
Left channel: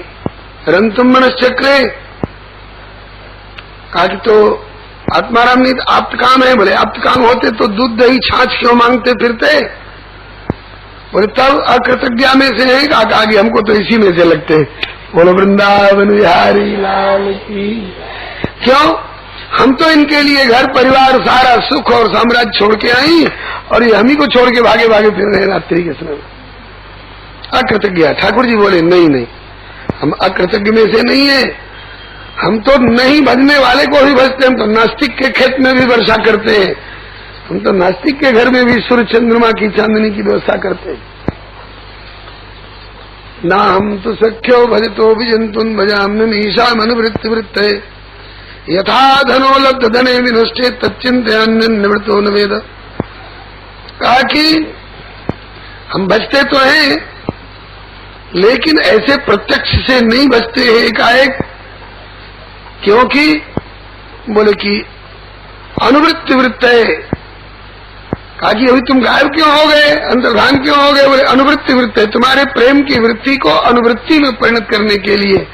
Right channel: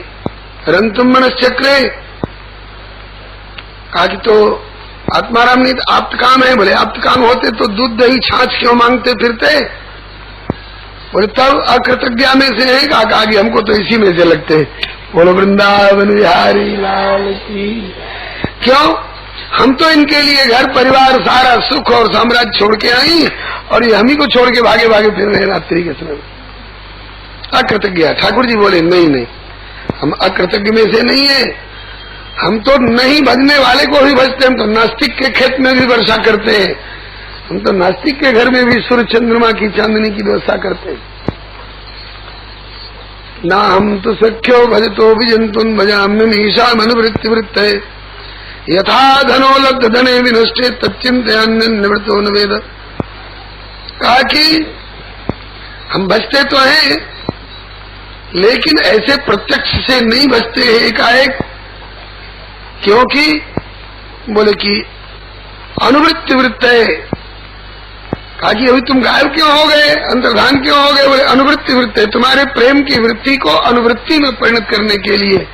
रंतुम मनश्चक्रे, कहा कि तो आत्माराम नहीं आप्त काम है। बोले आप्त काम होते तो दूध दही छाछ क्यों मांगते फिरते? बोले तब अकृतज्ञा में से है। कहा कि हमको तो इसी में से लगते हैं। बोलो वृंदावन बिहारी लाल की। क्यों? हम तो इनके लिए घर परिवार सारा सुख और साम्राज्य छोड़ के आई और ये हम ही को छोड़ के भागे भागे फिर रहे रात्रि के समय। अकृतज्ञ। ठाकुर जी बोले नहीं, हम अकृतज्ञ में से नहीं है। हम तो नहीं भजने वाले को भी भजते। हम तो नास्तिक के खेत में भी वर्षा करते हैं। हम तो नास्तिक के घर में भी सूर्य चंद्रमा की चांदनी की व्यवस्था करते हैं। ना हम तो सख्यो भजतो विजंतुन भजाम्यन ईशा मनुवृत्ति वृत्त है यथा धनो लब्ध धने विनष्टे तच्चिंतयान्य निवृत्तो न वेद। कहा कि हम भजते तो हैं लेकिन ऐसे प्रत्यक्ष से नहीं भजते हैं एकाएक। क्योंकि बोले कि अनुवृत्ति वृत्त है। कहा कि अभी तुम गायब क्यों हो गए, अंतर्धान क्यों हो गए? बोले अनुवृत्ति वृत्त है। तुम्हारे प्रेम की वृत्ति को अनुवृत्ति में परिणत करने के लिए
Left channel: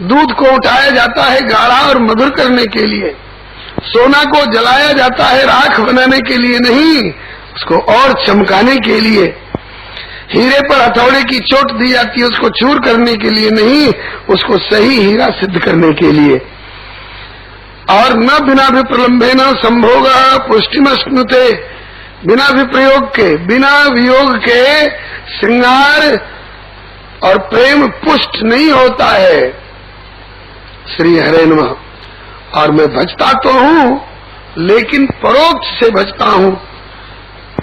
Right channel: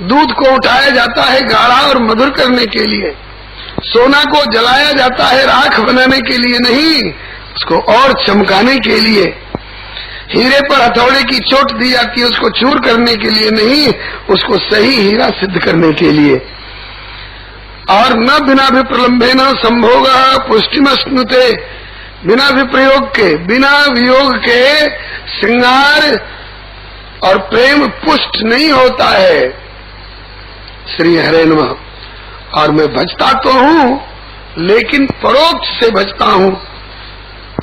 दूध को उठाया जाता है गाढ़ा और मधुर करने के लिए, सोना को जलाया जाता है राख बनाने के लिए नहीं, उसको और चमकाने के लिए। हीरे पर हथौड़े की चोट दी जाती है उसको चूर करने के लिए नहीं, उसको सही हीरा सिद्ध करने के लिए। और न बिना विप्रलंबे न संभोग पुष्टिमस्नुते, बिना विप्रयोग के बिना वियोग के श्रृंगार और प्रेम पुष्ट नहीं होता है। श्री हरे नमः। और मैं भजता तो हूं लेकिन परोक्ष से भजता हूं।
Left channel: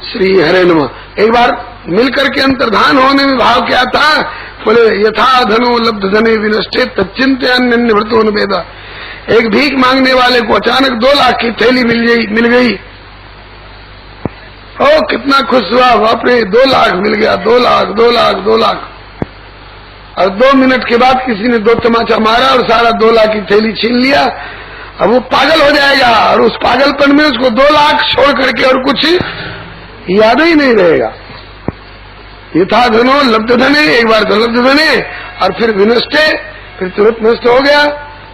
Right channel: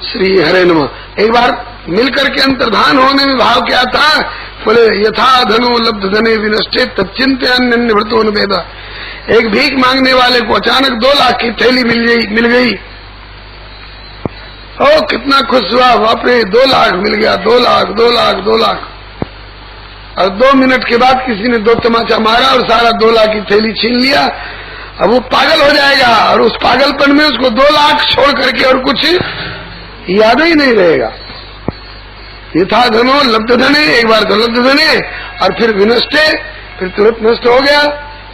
श्री हरे नमः। एक बार मिलकर के अंतर्धान होने में भाव क्या था? बोले यथा धनो लब्ध धने विनष्टे तच्चिंतयान्य निवृत्तो न वेद। एक भीख मांगने वाले को अचानक 2 लाख की थैली मिल गई। ओ कितना खुश हुआ, बाप रे 2 लाख मिल गया, 2 लाख 2 लाख 2 लाख। और 2 मिनट के बाद किसी ने 2 तमाचा मारा और सारा 2 लाख की थैली छीन लिया। अब वो पागल हो जाएगा और उस पागलपन में उसको 2 लाख छोड़ करके और कुछ याद ही नहीं रहेगा। यथा धनो लब्ध धने, एक बार तो लब्ध धने और फिर विनष्टे, फिर तुरंत नष्ट हो गया।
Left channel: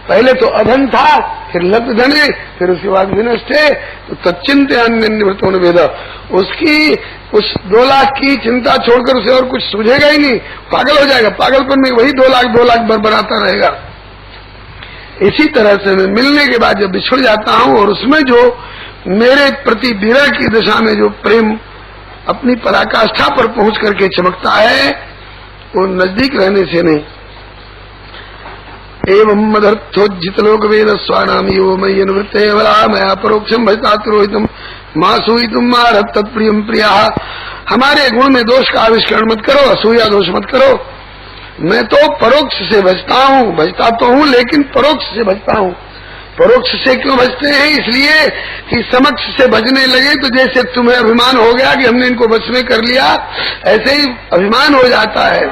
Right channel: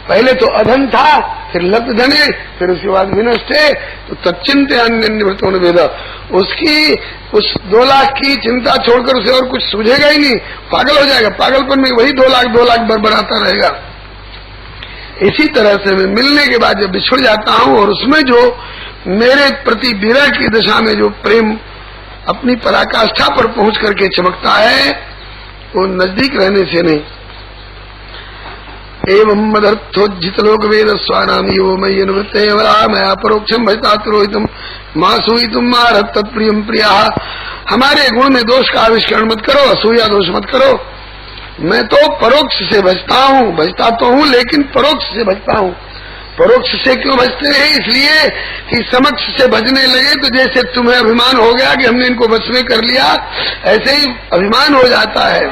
पहले तो अधन था फिर लब्ध धने फिर उसके बाद विनष्टे। तो तच्चिंतयान्य निवृत्तो न वेद। उसकी उस 2 लाख की चिंता छोड़कर उसे और कुछ सूझेगा ही नहीं, पागल हो जाएगा। पागलपन में वही 2 लाख बरबराता रहेगा। इसी तरह से मैं मिलने के बाद जब बिछुड़ जाता हूं और उसमें जो मेरे प्रति विरह की दशा में जो प्रेम अपनी पराकाष्ठा पर पहुंच करके चमकता है वो नजदीक रहने से नहीं। एवं मदर्थोज्जित लोक वेद स्वानाम यो मयि अनुवृत्ते वरा मैं अपरोक्षम भजता रोहितम मासूई तुम मारत तत्प्रियम प्रिया। हमारे गुण में दोष का आविष्करण मत करो, असूया दोष मत करो। मैं तो परोक्ष से भजता तो हूं लेकिन परोक्ष से भजता हूं। परोक्ष से क्यों भजते हैं? इसलिए कि समक्ष से भजने लगे तो जैसे तुम्हें अभिमान हो गया कि हमने इनको वश में कर लिया, ऐसे ही अभिमान हो जाता है।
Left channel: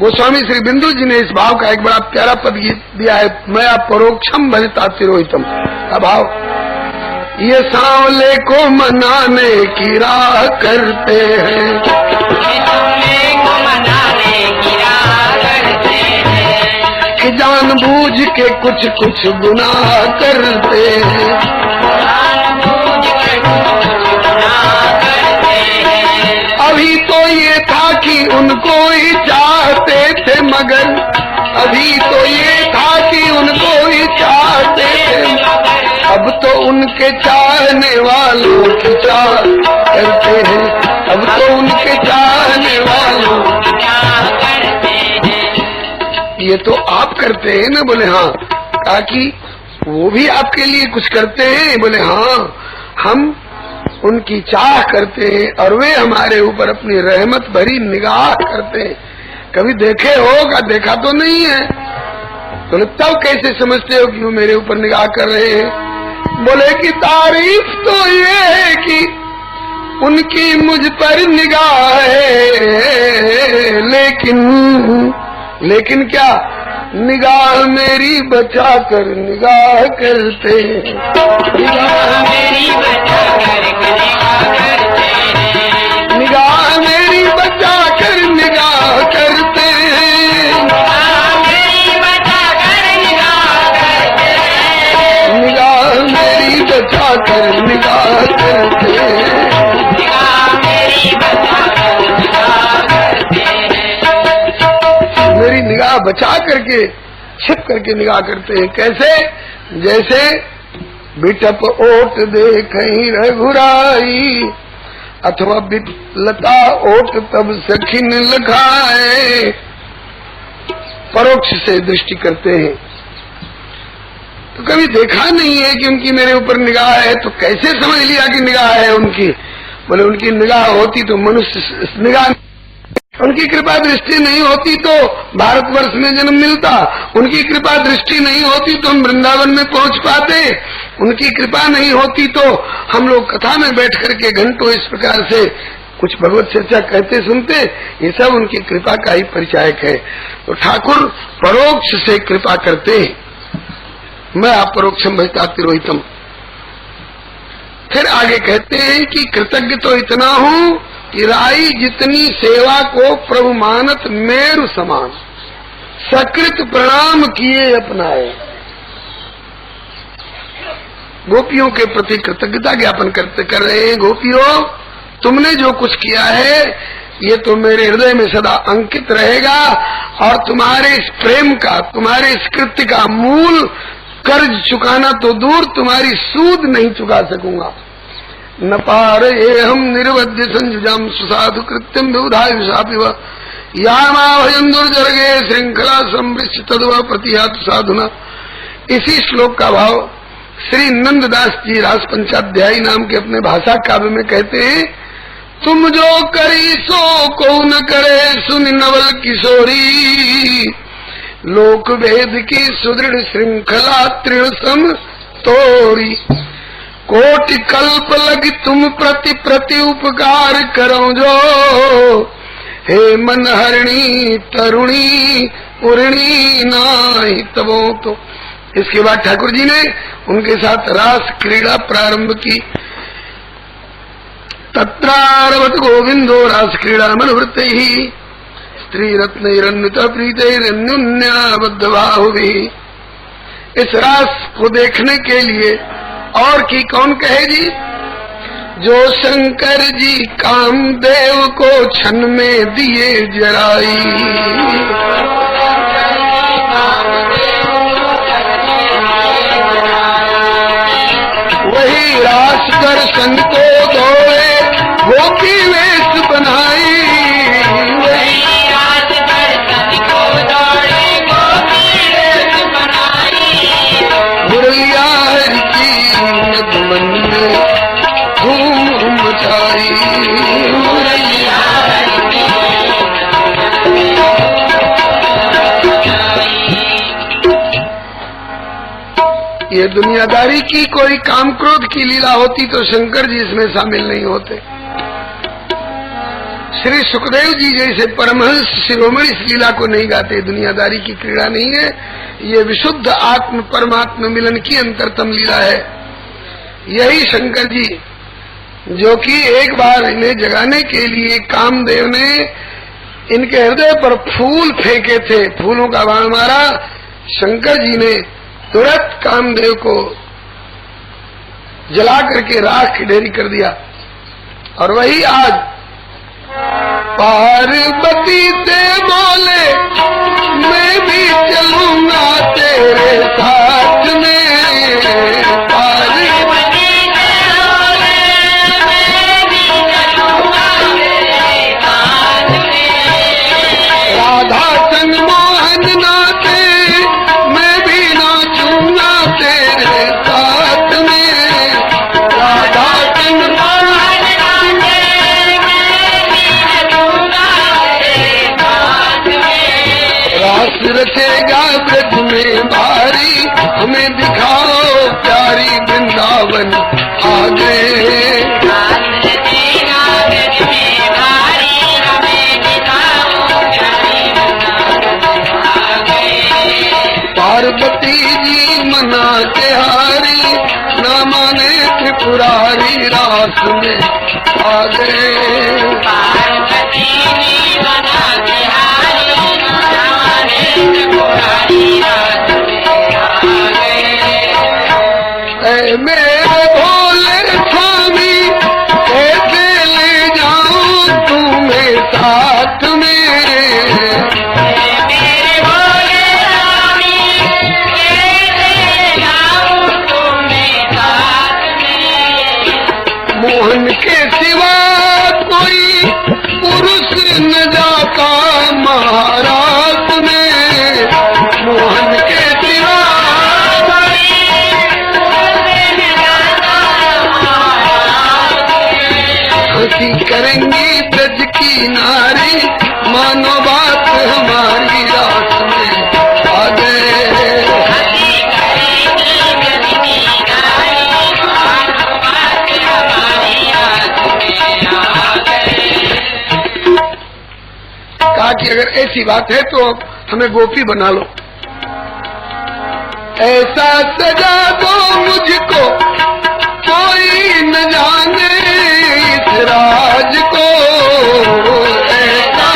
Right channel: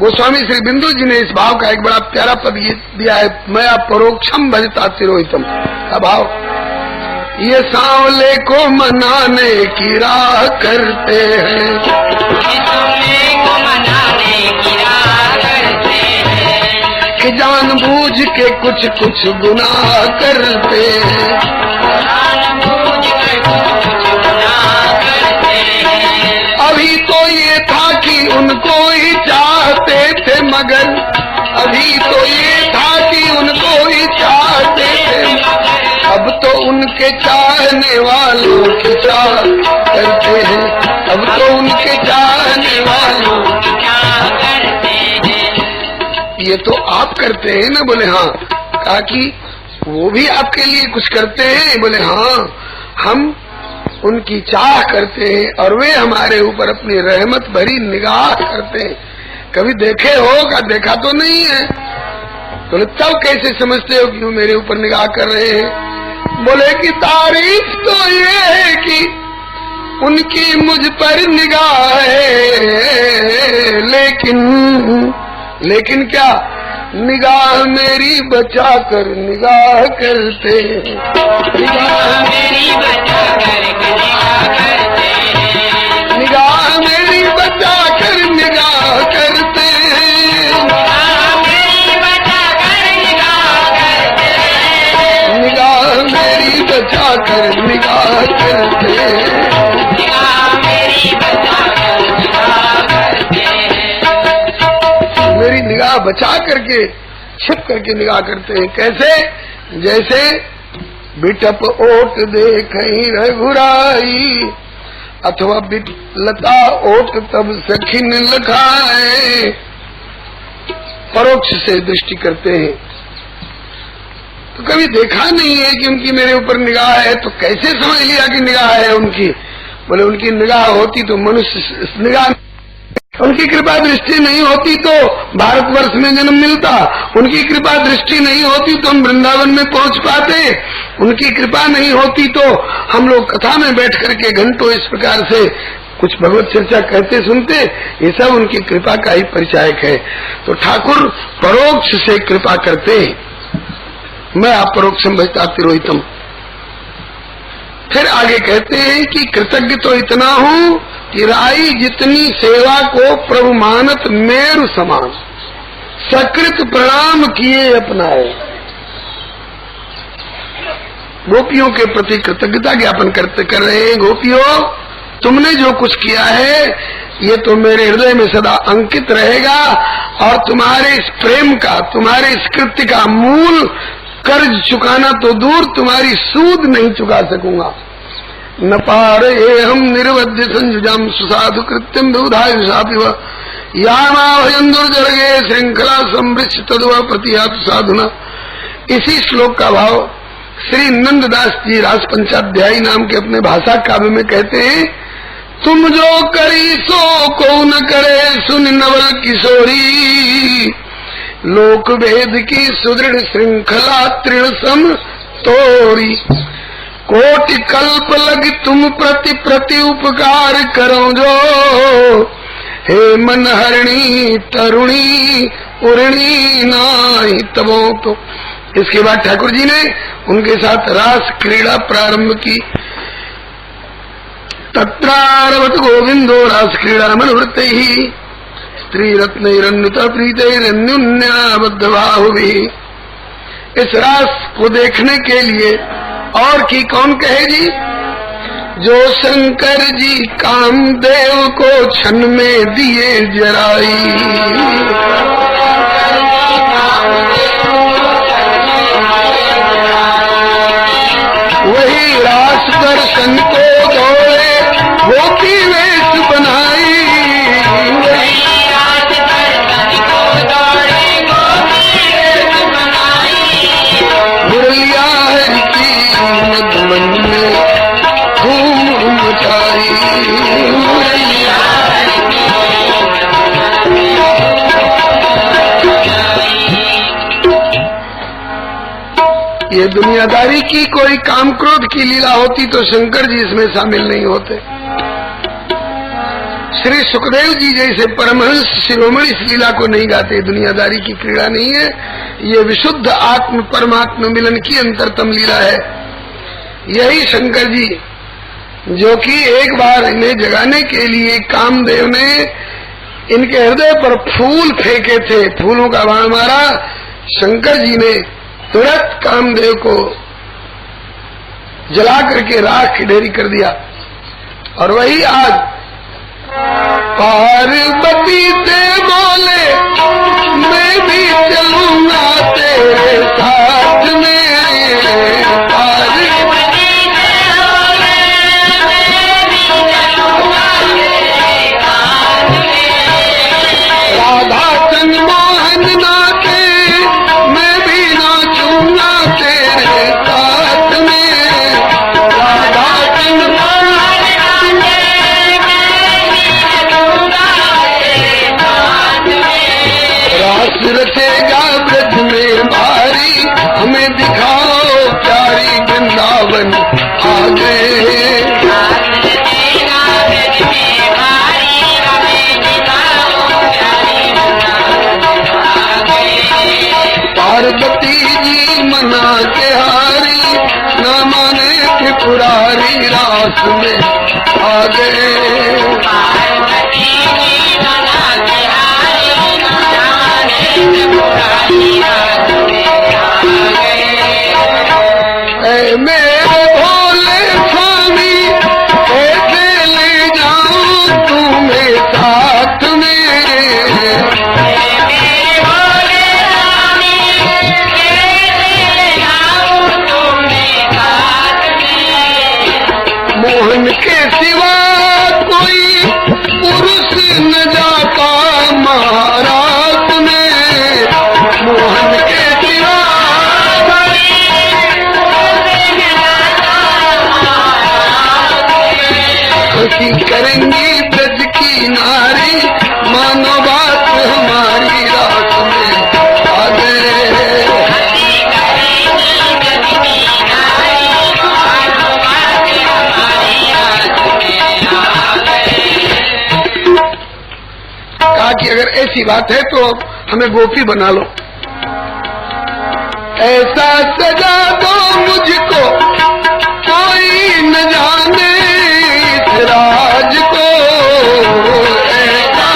गोस्वामी श्री बिंदु जी ने इस भाव का एक बड़ा प्यारा पद दिया है, मैं परोक्षम भजता तिरोहितम का भाव। ये सांवले को मनाने की राह करते हैं, कि जानबूझ के कुछ कुछ गुनाह करते हैं। अभी तो ये था कि उनको ही चाहते थे मगर, अभी तो ये था कि उनको ही चाहते थे, अब तो उनके चाहने वालों की चाह करते हैं, अब तो उनके चाहने वालों की चाह करते हैं। ये तो आप करते हैं ना? बोले हाँ। कहा कि वो भी आपके लिए कुछ करते हैं? बोले हाँ, हम उनकी चाह करते हैं और वे हमारे ऊपर अपनी रहमत भरी निगाह करते हैं। कभी देखे हो? का देखा तो नहीं है। बोले तब कैसे समझते हो कि वो मेरे ऊपर निगाह कर रहे हैं? बोले कि तारीफ तो ये है कि उनकी मुझ पर निगाह है, लेकिन क्या? निगाह मेरी बचा कर निगाह करते हैं, निगाह मेरी बचा कर निगाह मेरी बचा कर निगाह करते हैं, निगाह मेरी बचा कर निगाह करते हैं। मेरी निगाह बचा करके छिप करके निगाह करते हैं। कैसे? जैसे बिटप ओट देखहीं रघुराई, अथवा लता ओट तब सखिन लखाए। परोक्ष से दृष्टि करते हैं। तो कभी देखा नहीं है कि उनकी मेरे ऊपर निगाह है, तो कैसे समझ लिया कि निगाह है उनकी? बोले उनकी निगाह होती तो मनुष्य निगाह, उनकी कृपा दृष्टि नहीं होती तो भारतवर्ष में जन्म मिलता, उनकी कृपा दृष्टि नहीं होती तो हम वृंदावन में पहुंच पाते, उनकी कृपा नहीं होती तो हम लोग कथा में बैठ करके घंटों इस प्रकार से कुछ भगवत चर्चा करते सुनते। ये सब उनकी कृपा का ही परिचायक है। तो ठाकुर परोक्ष से कृपा करते हैं। मैं आप परोक्षम भजता तिरोहितम। फिर आगे कहते हैं कि कृतज्ञ तो इतना हूँ कि राई जितनी सेवा को प्रभु मानत मेरु समान, सकृत प्रणाम किए अपनाए। गोपियों के प्रति कृतज्ञता ज्ञापन कर रहे हैं। गोपियों, तुमने जो कुछ किया है ये तो मेरे हृदय में सदा अंकित रहेगा, और तुम्हारे इस प्रेम का, तुम्हारे इस कृत्य का मूल कर्ज चुकाना तो दूर, तुम्हारी सूद नहीं चुका सकूंगा। न पार ये हम निर्वध्य संजुजाम सुसाधु कृत्यम विबुधायुषापिव यामाभयं दुर्जरगे श्रृंखला संवृक्ष तद्वा प्रतिहातु साधुना। इसी श्लोक का भाव श्री नंददास जी रास पंचाध्यायी नाम के अपने भाषा काव्य में कहते हैं, तुम जो करी सो को न करे सुन नवल किशोरी, लोक भेद की सुदृढ़ श्रृंखला तृण सम तोड़ी। कोटि कल्प लग तुम प्रति प्रति उपकार करो जो, हे मन हरणी तरुणी उर्णी नाहि तबो। तो इसके बाद ठाकुर जी ने उनके साथ रास क्रीड़ा प्रारंभ की। तत्रारवत गोविंदो रास क्रीड़ा मनोवृत्ते ही स्त्री रत्नैरन्वित प्रीतैरन्युन्याबद्ध बाहुभिः। इस रास को देखने के लिए और की कौन कहेगी? जो शंकर जी कामदेव को क्षण में दिए जराई, वही रास दर्शन को दौड़े गोपी वेश बनाई, मुरलिया हरि की मन में धूम मचाई। ये दुनियादारी की कोई काम क्रोध की लीला होती तो शंकर जी इसमें शामिल नहीं होते। श्री सुखदेव जी जैसे परमहंस शिरोमणि इस लीला को नहीं गाते। दुनियादारी की क्रीड़ा नहीं है, ये विशुद्ध आत्म परमात्मा मिलन की अंतरतम लीला है। यही शंकर जी जो कि एक बार इन्हें जगाने के लिए कामदेव ने इनके हृदय पर फूल फेंके थे, फूलों का बाण मारा, शंकर जी ने तुरंत कामदेव को जला करके राख की ढेरी कर दिया। और वही आज पार्वती से बोले मैं भी चलूंगा तेरे साथ में, राधा संग मोहन नाचे मैं भी नाचूंगा तेरे साथ में, राधा संग गए। ऐ मेरे भोले स्वामी कैसे ले जाऊं तुम्हें साथ में। मोहन के सिवा कोई पुरुष न जाता महाराज में। मोहन के सिवा खुशी करेंगी ब्रज की नारी, मानो बात हमारी रात में आ गए। कहा कि अगर ऐसी बात है तो हमें गोपी बना लो। ऐसा सजा दो मुझको कोई न जाने इस राज को। ऐसा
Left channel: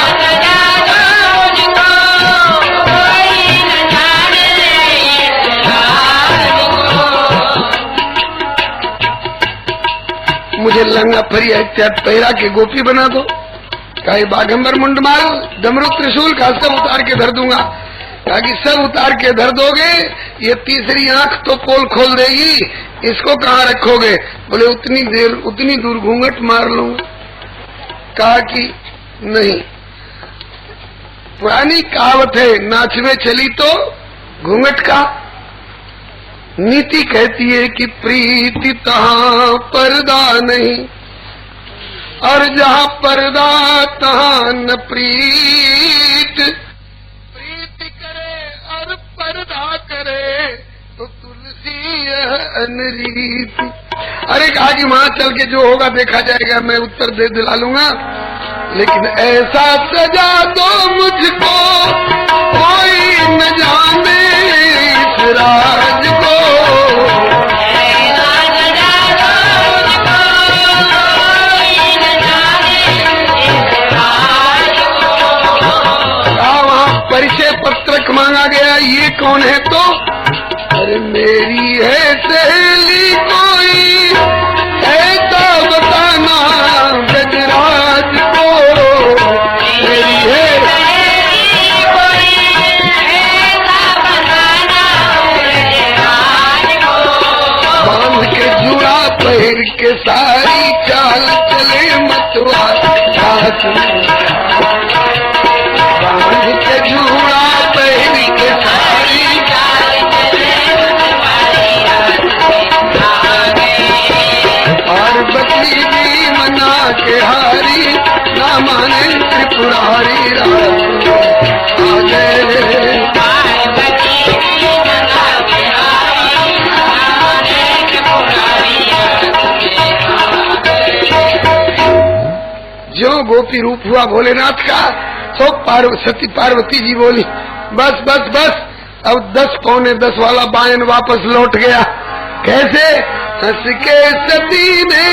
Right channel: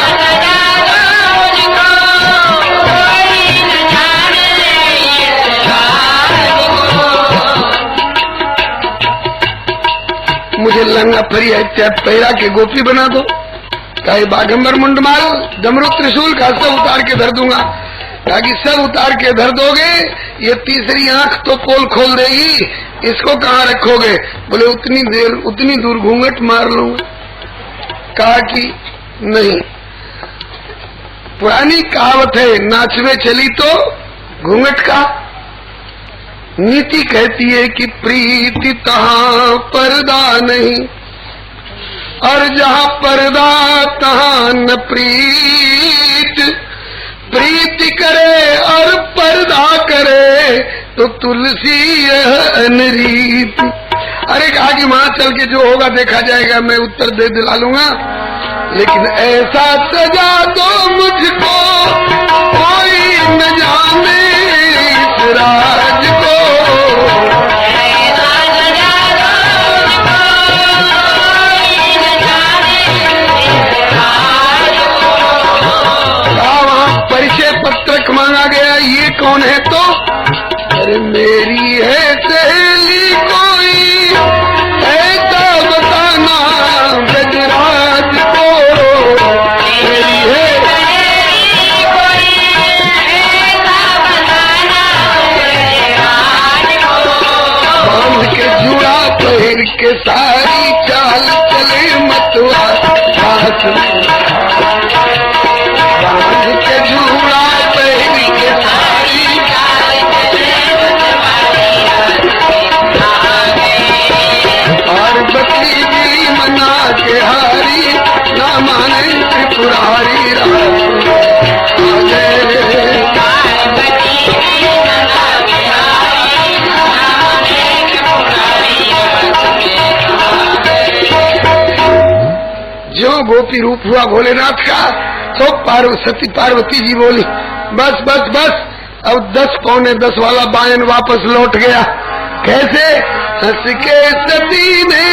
मुझे लंगा फरिया इत्यादि पैरा के गोपी बना दो। कहे बाघंबर मुंडमाल डमरू त्रिशूल का सब उतार के धर दूंगा। कहा कि सब उतार के धर दोगे, ये तीसरी आंख तो पोल खोल देगी, इसको कहाँ रखोगे? बोले उतनी दूर घूंघट मार लूंगा। कहा कि नहीं, पुरानी कहावत है, नाचवे चली तो घूंघट का। नीति कहती है कि प्रीति तहाँ पर्दा नहीं, और जहाँ पर्दा तहाँ न प्रीत। प्रीति करे और पर्दा करे तो तुलसी यह अनरीत। अरे कहा कि वहां चल के जो होगा देखा जाएगा, मैं उत्तर दे दिला लूंगा, लेकिन ऐसा सजा दो मुझको कोई न जाने इस राज को। परिचय पत्रक मांगा गया, ये कौन है? तो अरे मेरी है सहेली कोई, ऐसा बताना गजराज को। मेरी है बांध के जुड़ा पहन के सारी चाल चले मतवा हाथ में। बांध के जुड़ा पहन के सारी पार्वती जी मना के हारी, ना माने त्रिपुरारी रात आ गए। जो गोपी रूप हुआ भोलेनाथ का, तो सती पार्वती जी बोली बस बस बस, अब 10 पौने 10 वाला बायन वापस लौट गया। कैसे? हंस के सती ने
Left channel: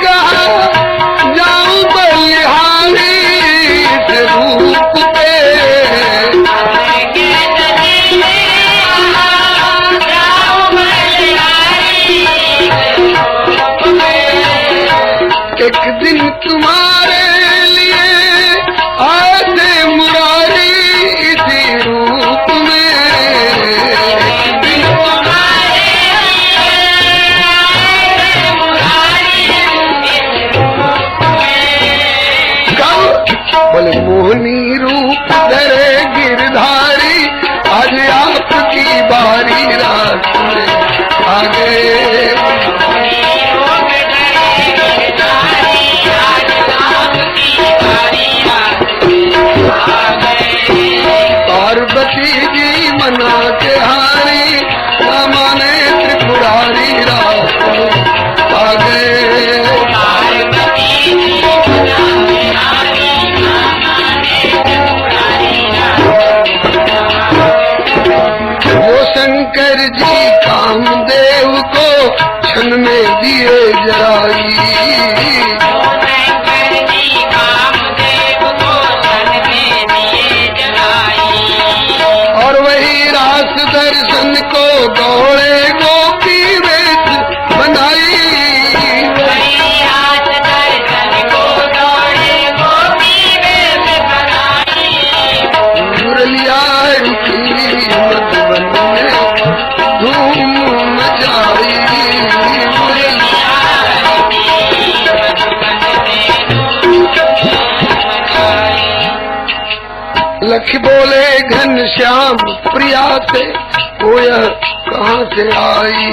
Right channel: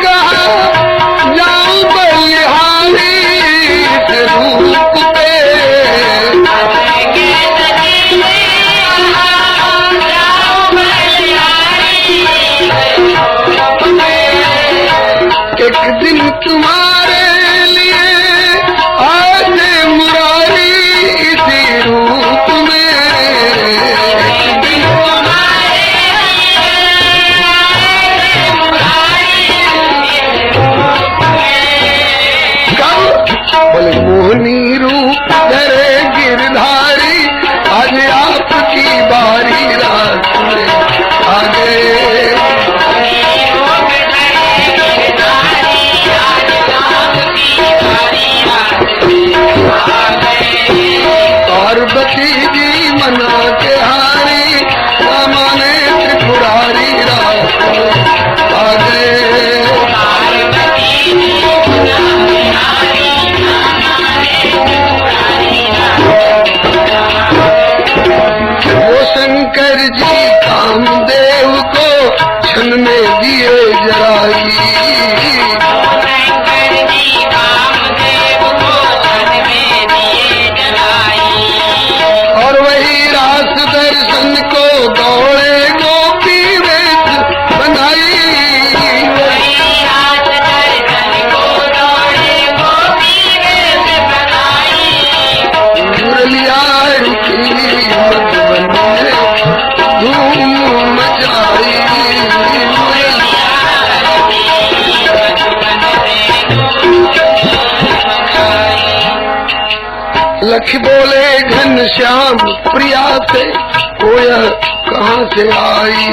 कहा जाऊं बलिहारी इस रूप पे। एक दिन तुम्हारे लिए आने मुरारी इसी रूप में। बोले मोहनी रूप धरे गिरधारी, आज आपकी बारी रात में आ गए। पार्वती जी मना के हारी, ना माने त्रिपुरारी रात आ गए। लख बोले घनश्याम प्रिया से कोय कहाँ से आई।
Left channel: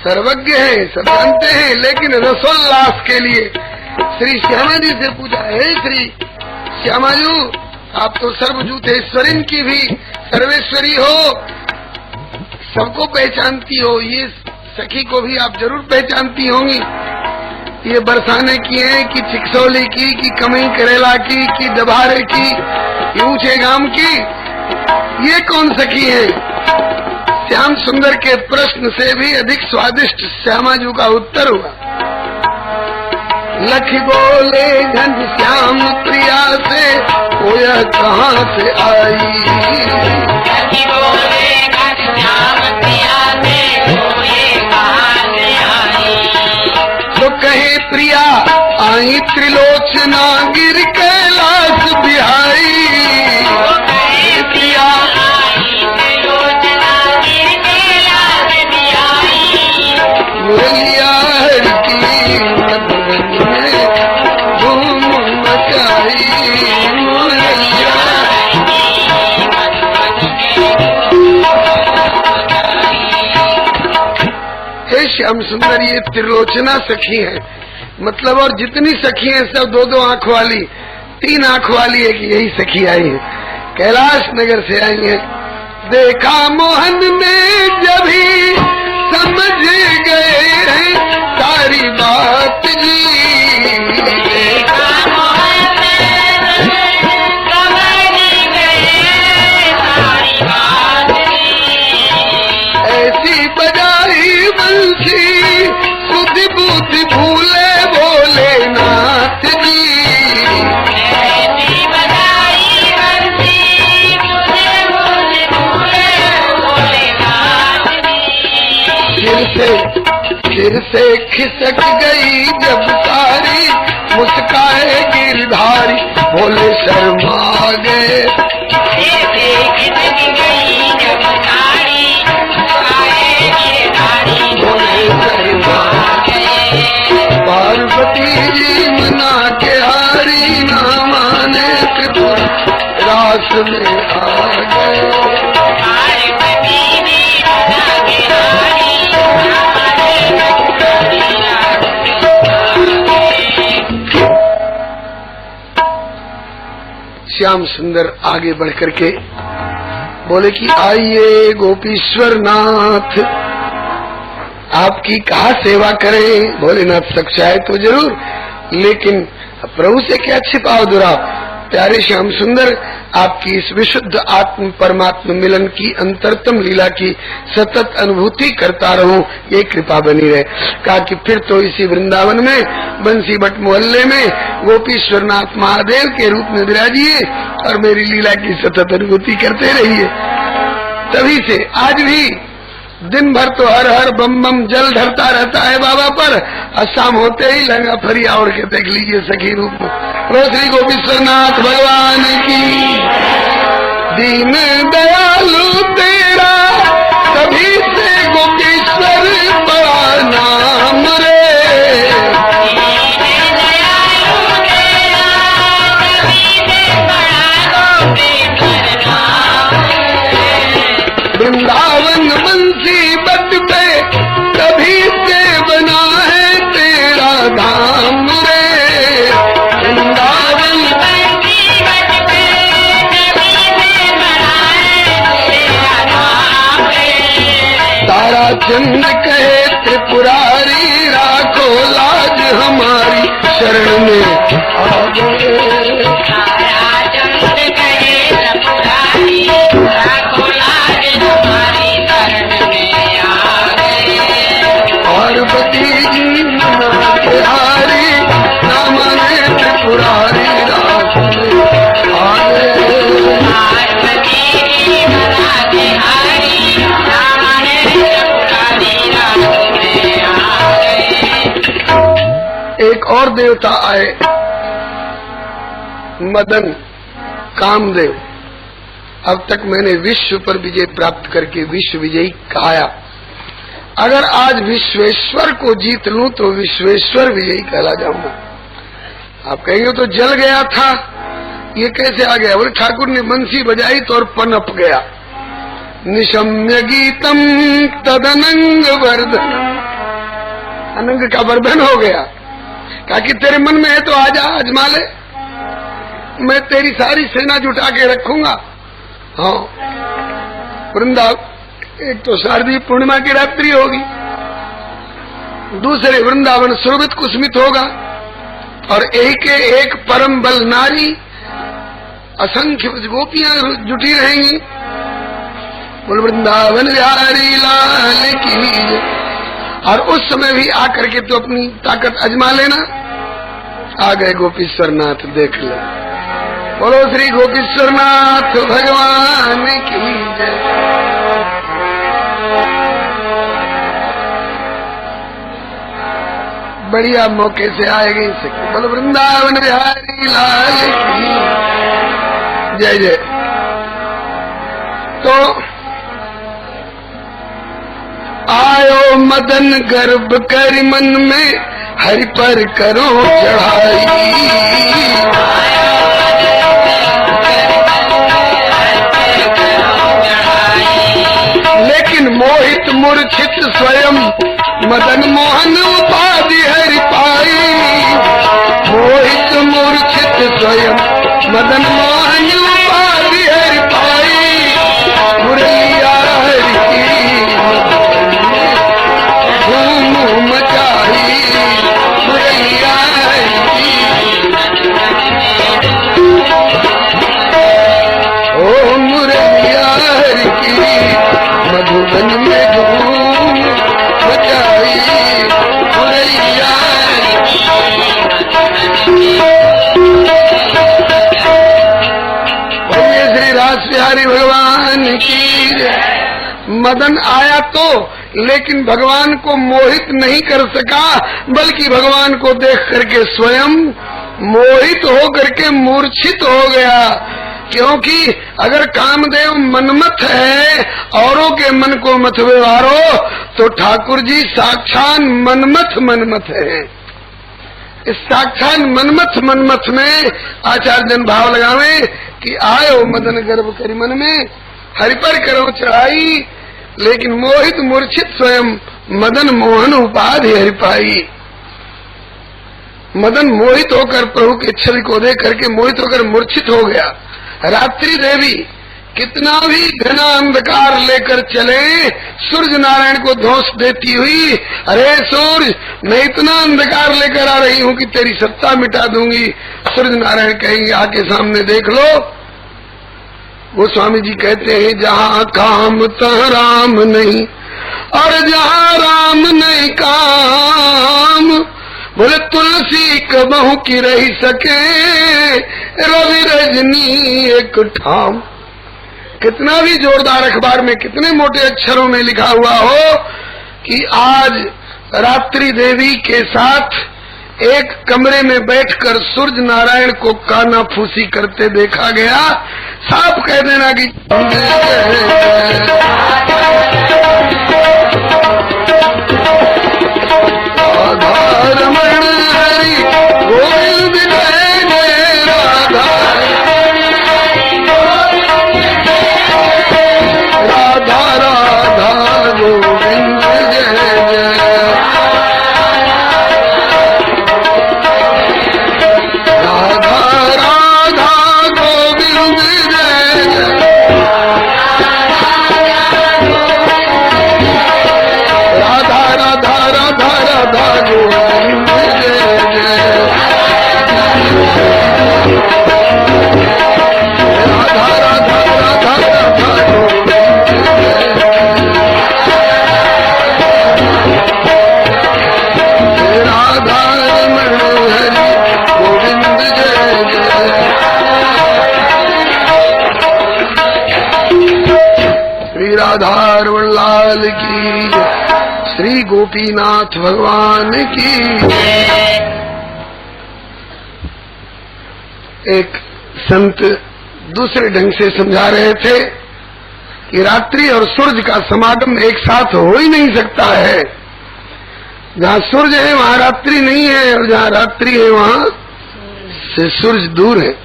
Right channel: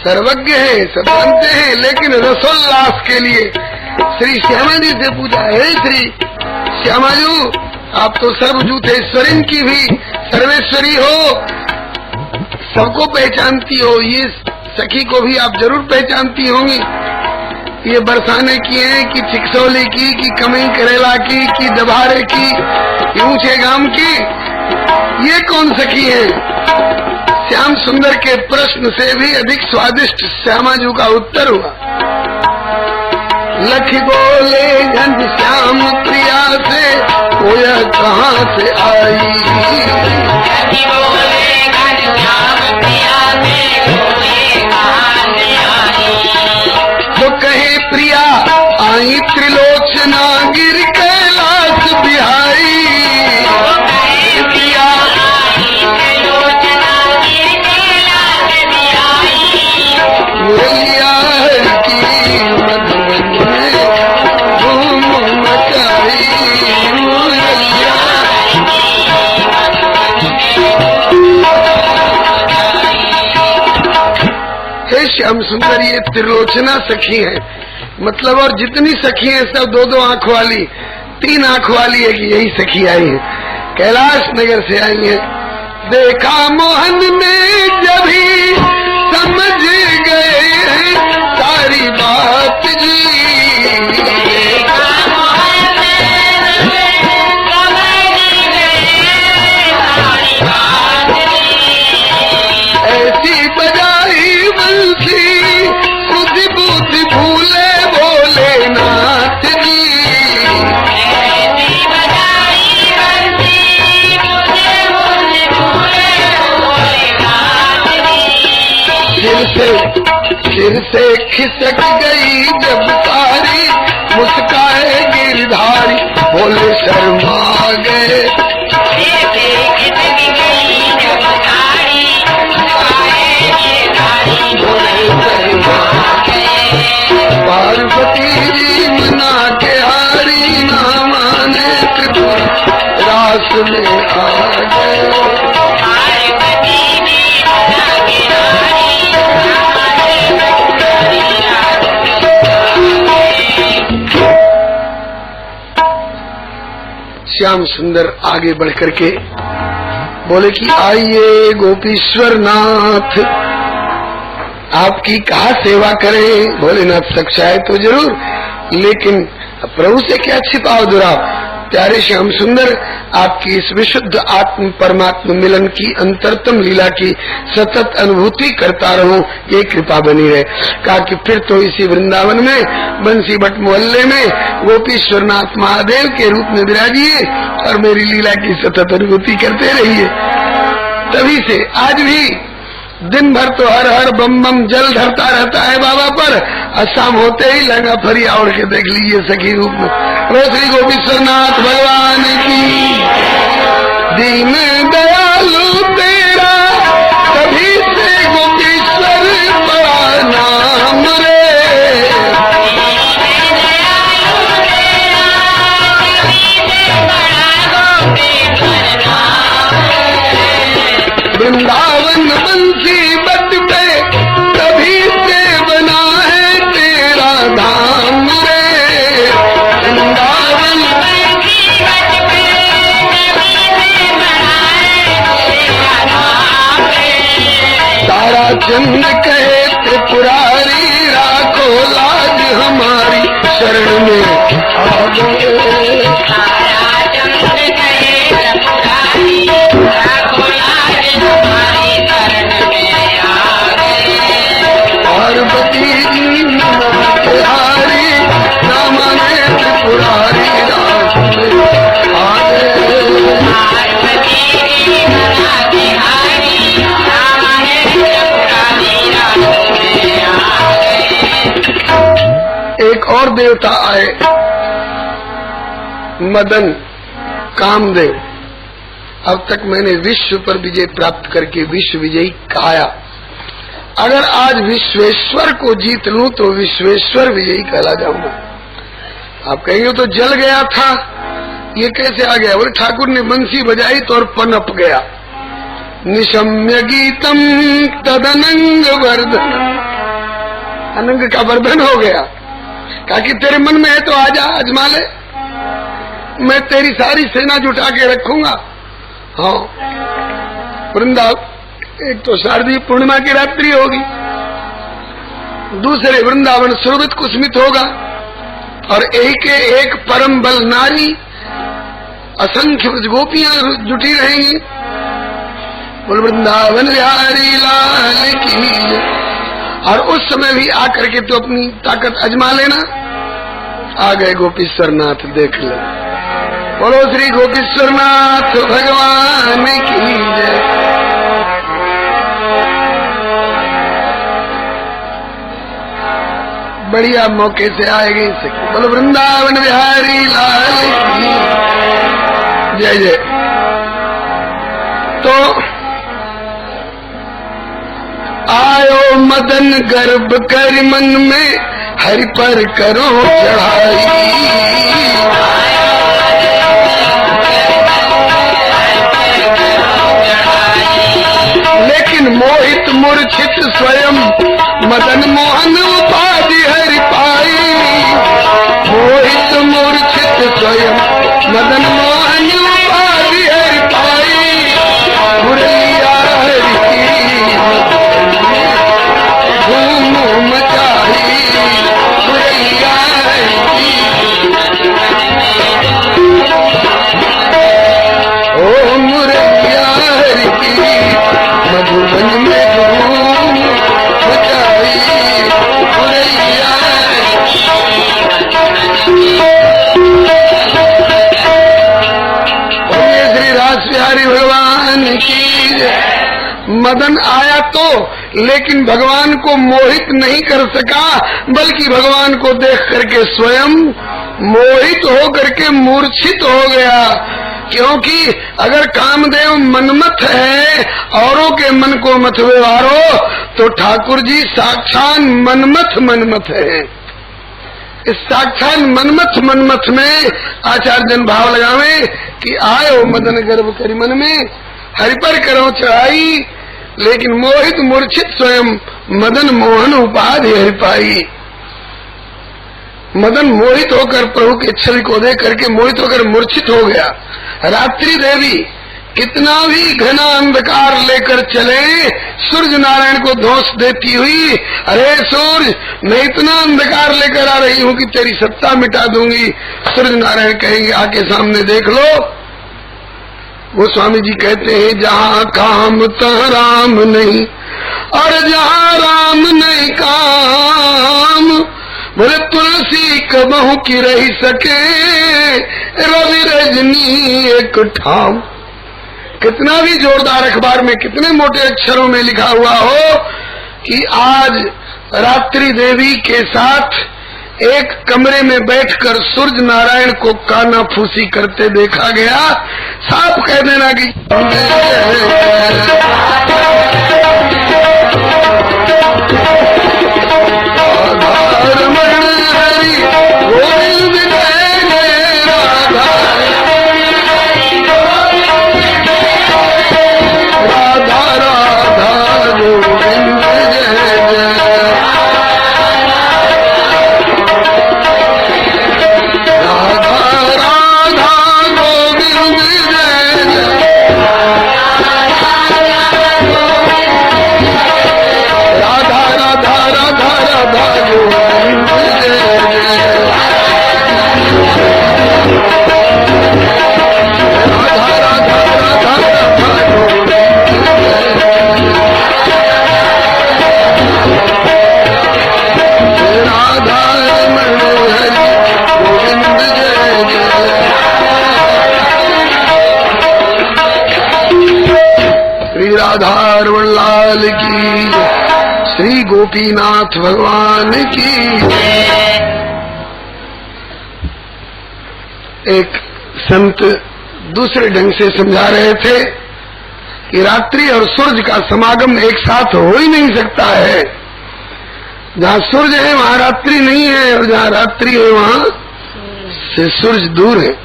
सर्वज्ञ है, सब जानते हैं, लेकिन रसोल्लास के लिए श्री श्यामा जी से पूछा, हे श्री श्यामा जी, आप तो सर्वभूतेश्वरी की भी सर्वेश्वरी हो, सबको पहचानती हो, ये सखी को भी आप जरूर पहचानती होंगी। ये बरसाने की है कि चिकसौली की, कि कमई करेला की, कि दबारे की, कि ऊंचे गांव की, ये कौन सखी है? श्याम सुंदर के प्रश्न से भी अधिक स्वादिष्ट श्यामाजू का उत्तर हुआ। लख बोले घनश्याम प्रिया से कोय कहाँ से आई। तो कहे प्रिया आई त्रिलोचना गिर कैलाश बिहारी। प्रिया मुरलिया की मधुबन में धूम मचाई। हे श्याम सुंदर, ये त्रिलोचना सखी है, मतलब और जितनी सखी हैं सब दो दो आंख वाली, तीन आंख वाली है कि यही सखी आई है, कैलाश नगर से आई है। देखा मोहन ने जभी समझ गए हैं सारी बात जी। ऐसी बजाई बंसी बुद्धि बुद्धि भूले बोले नाथ जी। सिर से खिसक गई जब कारी, मुस्काए गिरधारी बोले शर्मा गए। पार्वती जी मना के हारी, ना माने त्रिपुर रास में आ गए। श्याम सुंदर आगे बढ़ करके बोले कि आइए गोपीश्वर नाथ, आपकी कहा सेवा करें। भोलेनाथ सक्षाए तो जरूर, लेकिन प्रभु से क्या छिपाओ दुराव। प्यारे श्याम सुंदर, आपकी इस विशुद्ध आत्म परमात्म मिलन की अंतरतम लीला की सतत अनुभूति करता रहूं, ये कृपा बनी रहे। कहा कि फिर तो इसी वृंदावन में बंसी भट्ट मोहल्ले में गोपीश्वरनाथ महादेव के रूप में विराजिए और मेरी लीला की सतत अनुभूति करते रहिए। तभी से आज भी दिन भर तो हर हर बम बम जल धरता रहता है बाबा पर, और शाम होते ही लहंगा फरिया ओढ़ के देख लीजिए सखी रूप में। श्री गोपीश्वरनाथ भगवान की। दीन दयालु तेरा कभी से गोपीश्वर बड़ा नाम रे। वृंदावन बंसी बट पे कभी से बना है तेरा धाम रे। वृंदावन तारा चंद कहे त्रिपुरारी, राखो लाज हमारी शरण में आ गए। पार्वती जी नमस्कारी, नमने त्रिपुरारी राज में आ गए। एक और देवता आए, मदन कामदेव। अब तक मैंने विश्व पर विजय प्राप्त करके विश्व विजयी कहाया, अगर आज विश्वेश्वर को जीत लूं तो विश्वेश्वर विजयी कहला जाऊंगा। आप कहेंगे तो जल गया था, ये कैसे आ गया? बोले ठाकुर ने बंसी बजाई तो और पनप गया। निशम्य गीतम तदनंग वर्धन, अनंग का वर्धन हो गया। कहा कि तेरे मन में है तो आजा, आजमा ले, मैं तेरी सारी सेना जुटा के रखूंगा। हाँ, वृंदावन एक तो शारदीय पूर्णिमा की रात्रि होगी, दूसरे वृंदावन सुरभित कुसमित होगा, और एक एक परम बल नारी असंख्य गोपियां जुटी रहेंगी। बोल वृंदावन बिहारी लाल की। और उस समय भी आकर के तो अपनी ताकत अजमा लेना। आ गए गोपीश्वर नाथ, देख ले। बोलो श्री गोपीश्वर नाथ भगवान की जय। बढ़िया मौके से आएगी। बोलो वृंदावन बिहारी लाल की जय जय। तो आयो मदन गर्भ कर मन में हरि पर करो चढ़ाई। लेकिन मोहित मूर्छित स्वयं मदन मोहन उपाधि हरि पाई। मोहित मूर्छित स्वयं मदन मोहन उपाधि हरि पाई। मुरैया हरि की धूम मचाई। मुरैया हरि ओ मुरैया हरि की मधुबन में धूम मचाई। मुरैया श्री रास बिहारी भगवान की। मदन आया तो, लेकिन भगवान को मोहित नहीं कर सका, बल्कि भगवान को देख करके स्वयं मोहित हो करके मूर्छित हो गया। क्योंकि अगर कामदेव मनमथ है, औरों के मन को मत व्यवहारो, तो ठाकुर जी साक्षात मनमथ है। इस साक्षात मनमथ में आचार्य जन भाव लगावे कि आयो मदन गर्भ करी मन में हरि पर करो चढ़ाई। लेकिन मोहित मूर्छित स्वयं मदन मोहन उपाधि हरि पाई। मदन मोहित होकर प्रभु के छवि को देख करके मोहित होकर मूर्छित हो गया। रात्रि देवी कितना भी घना अंधकार लेकर चले, सूर्य नारायण को धोस देती हुई, अरे सूर्य मैं इतना अंधकार लेकर आ रही हूँ कि तेरी सत्ता मिटा दूंगी। सूर्य नारायण कहेंगे आके सामने देख लो। वो स्वामी जी कहते हैं जहाँ काम तहाँ राम नहीं, और जहाँ राम नहीं काम। बोले तुलसी कबहू की रही सके, रवि रजनी एक ठाम। कितना भी जोरदार अखबार में कितने मोटे अक्षरों में लिखा हुआ हो कि आज रात्रि देवी के साथ एक कमरे में बैठकर सूर्य नारायण को काना फूसी करते देखा गया, साफ कह देना कि राधार लाल की, श्री गोपीनाथ भगवान की। एक संत दूसरे ढंग से समझा रहे थे। कि रात्रि और सूरज का समागम एक साथ हो ही नहीं सकता है। जहाँ सूरज है वहाँ रात्रि नहीं है, और जहाँ रात्रि है वहाँ से सूरज दूर है।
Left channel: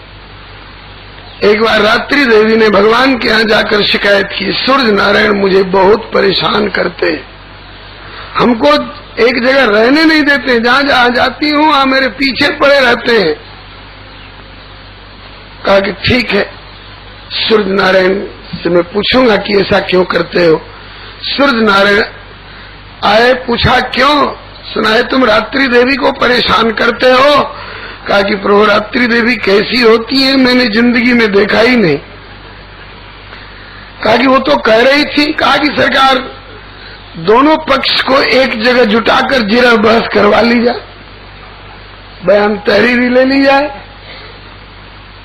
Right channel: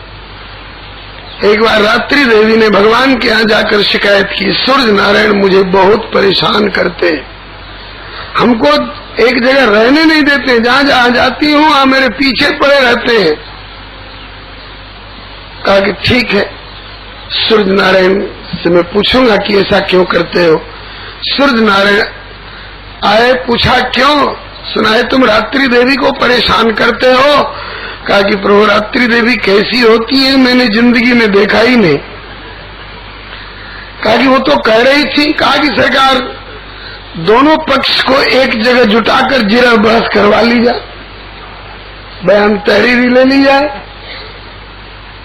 एक बार रात्रि देवी ने भगवान के यहाँ जाकर शिकायत की, सूरज नारायण मुझे बहुत परेशान करते, हमको एक जगह रहने नहीं देते, जहाँ जहाँ जाती हूँ वहाँ मेरे पीछे पड़े रहते हैं। कहा कि ठीक है, सूरज नारायण से मैं पूछूंगा कि ऐसा क्यों करते हो। सूरज नारायण आए, पूछा क्यों, सुनाए तुम रात्रि देवी को परेशान करते हो। कहा कि प्रभु रात्रि देवी कैसी होती है मैंने जिंदगी में देखा ही नहीं। कहा कि वो तो कह रही थी, कहा कि सरकार दोनों पक्ष को एक जगह जुटाकर जिरा बहस करवा ली जाए, बयान तहरीरी ले ली जाए।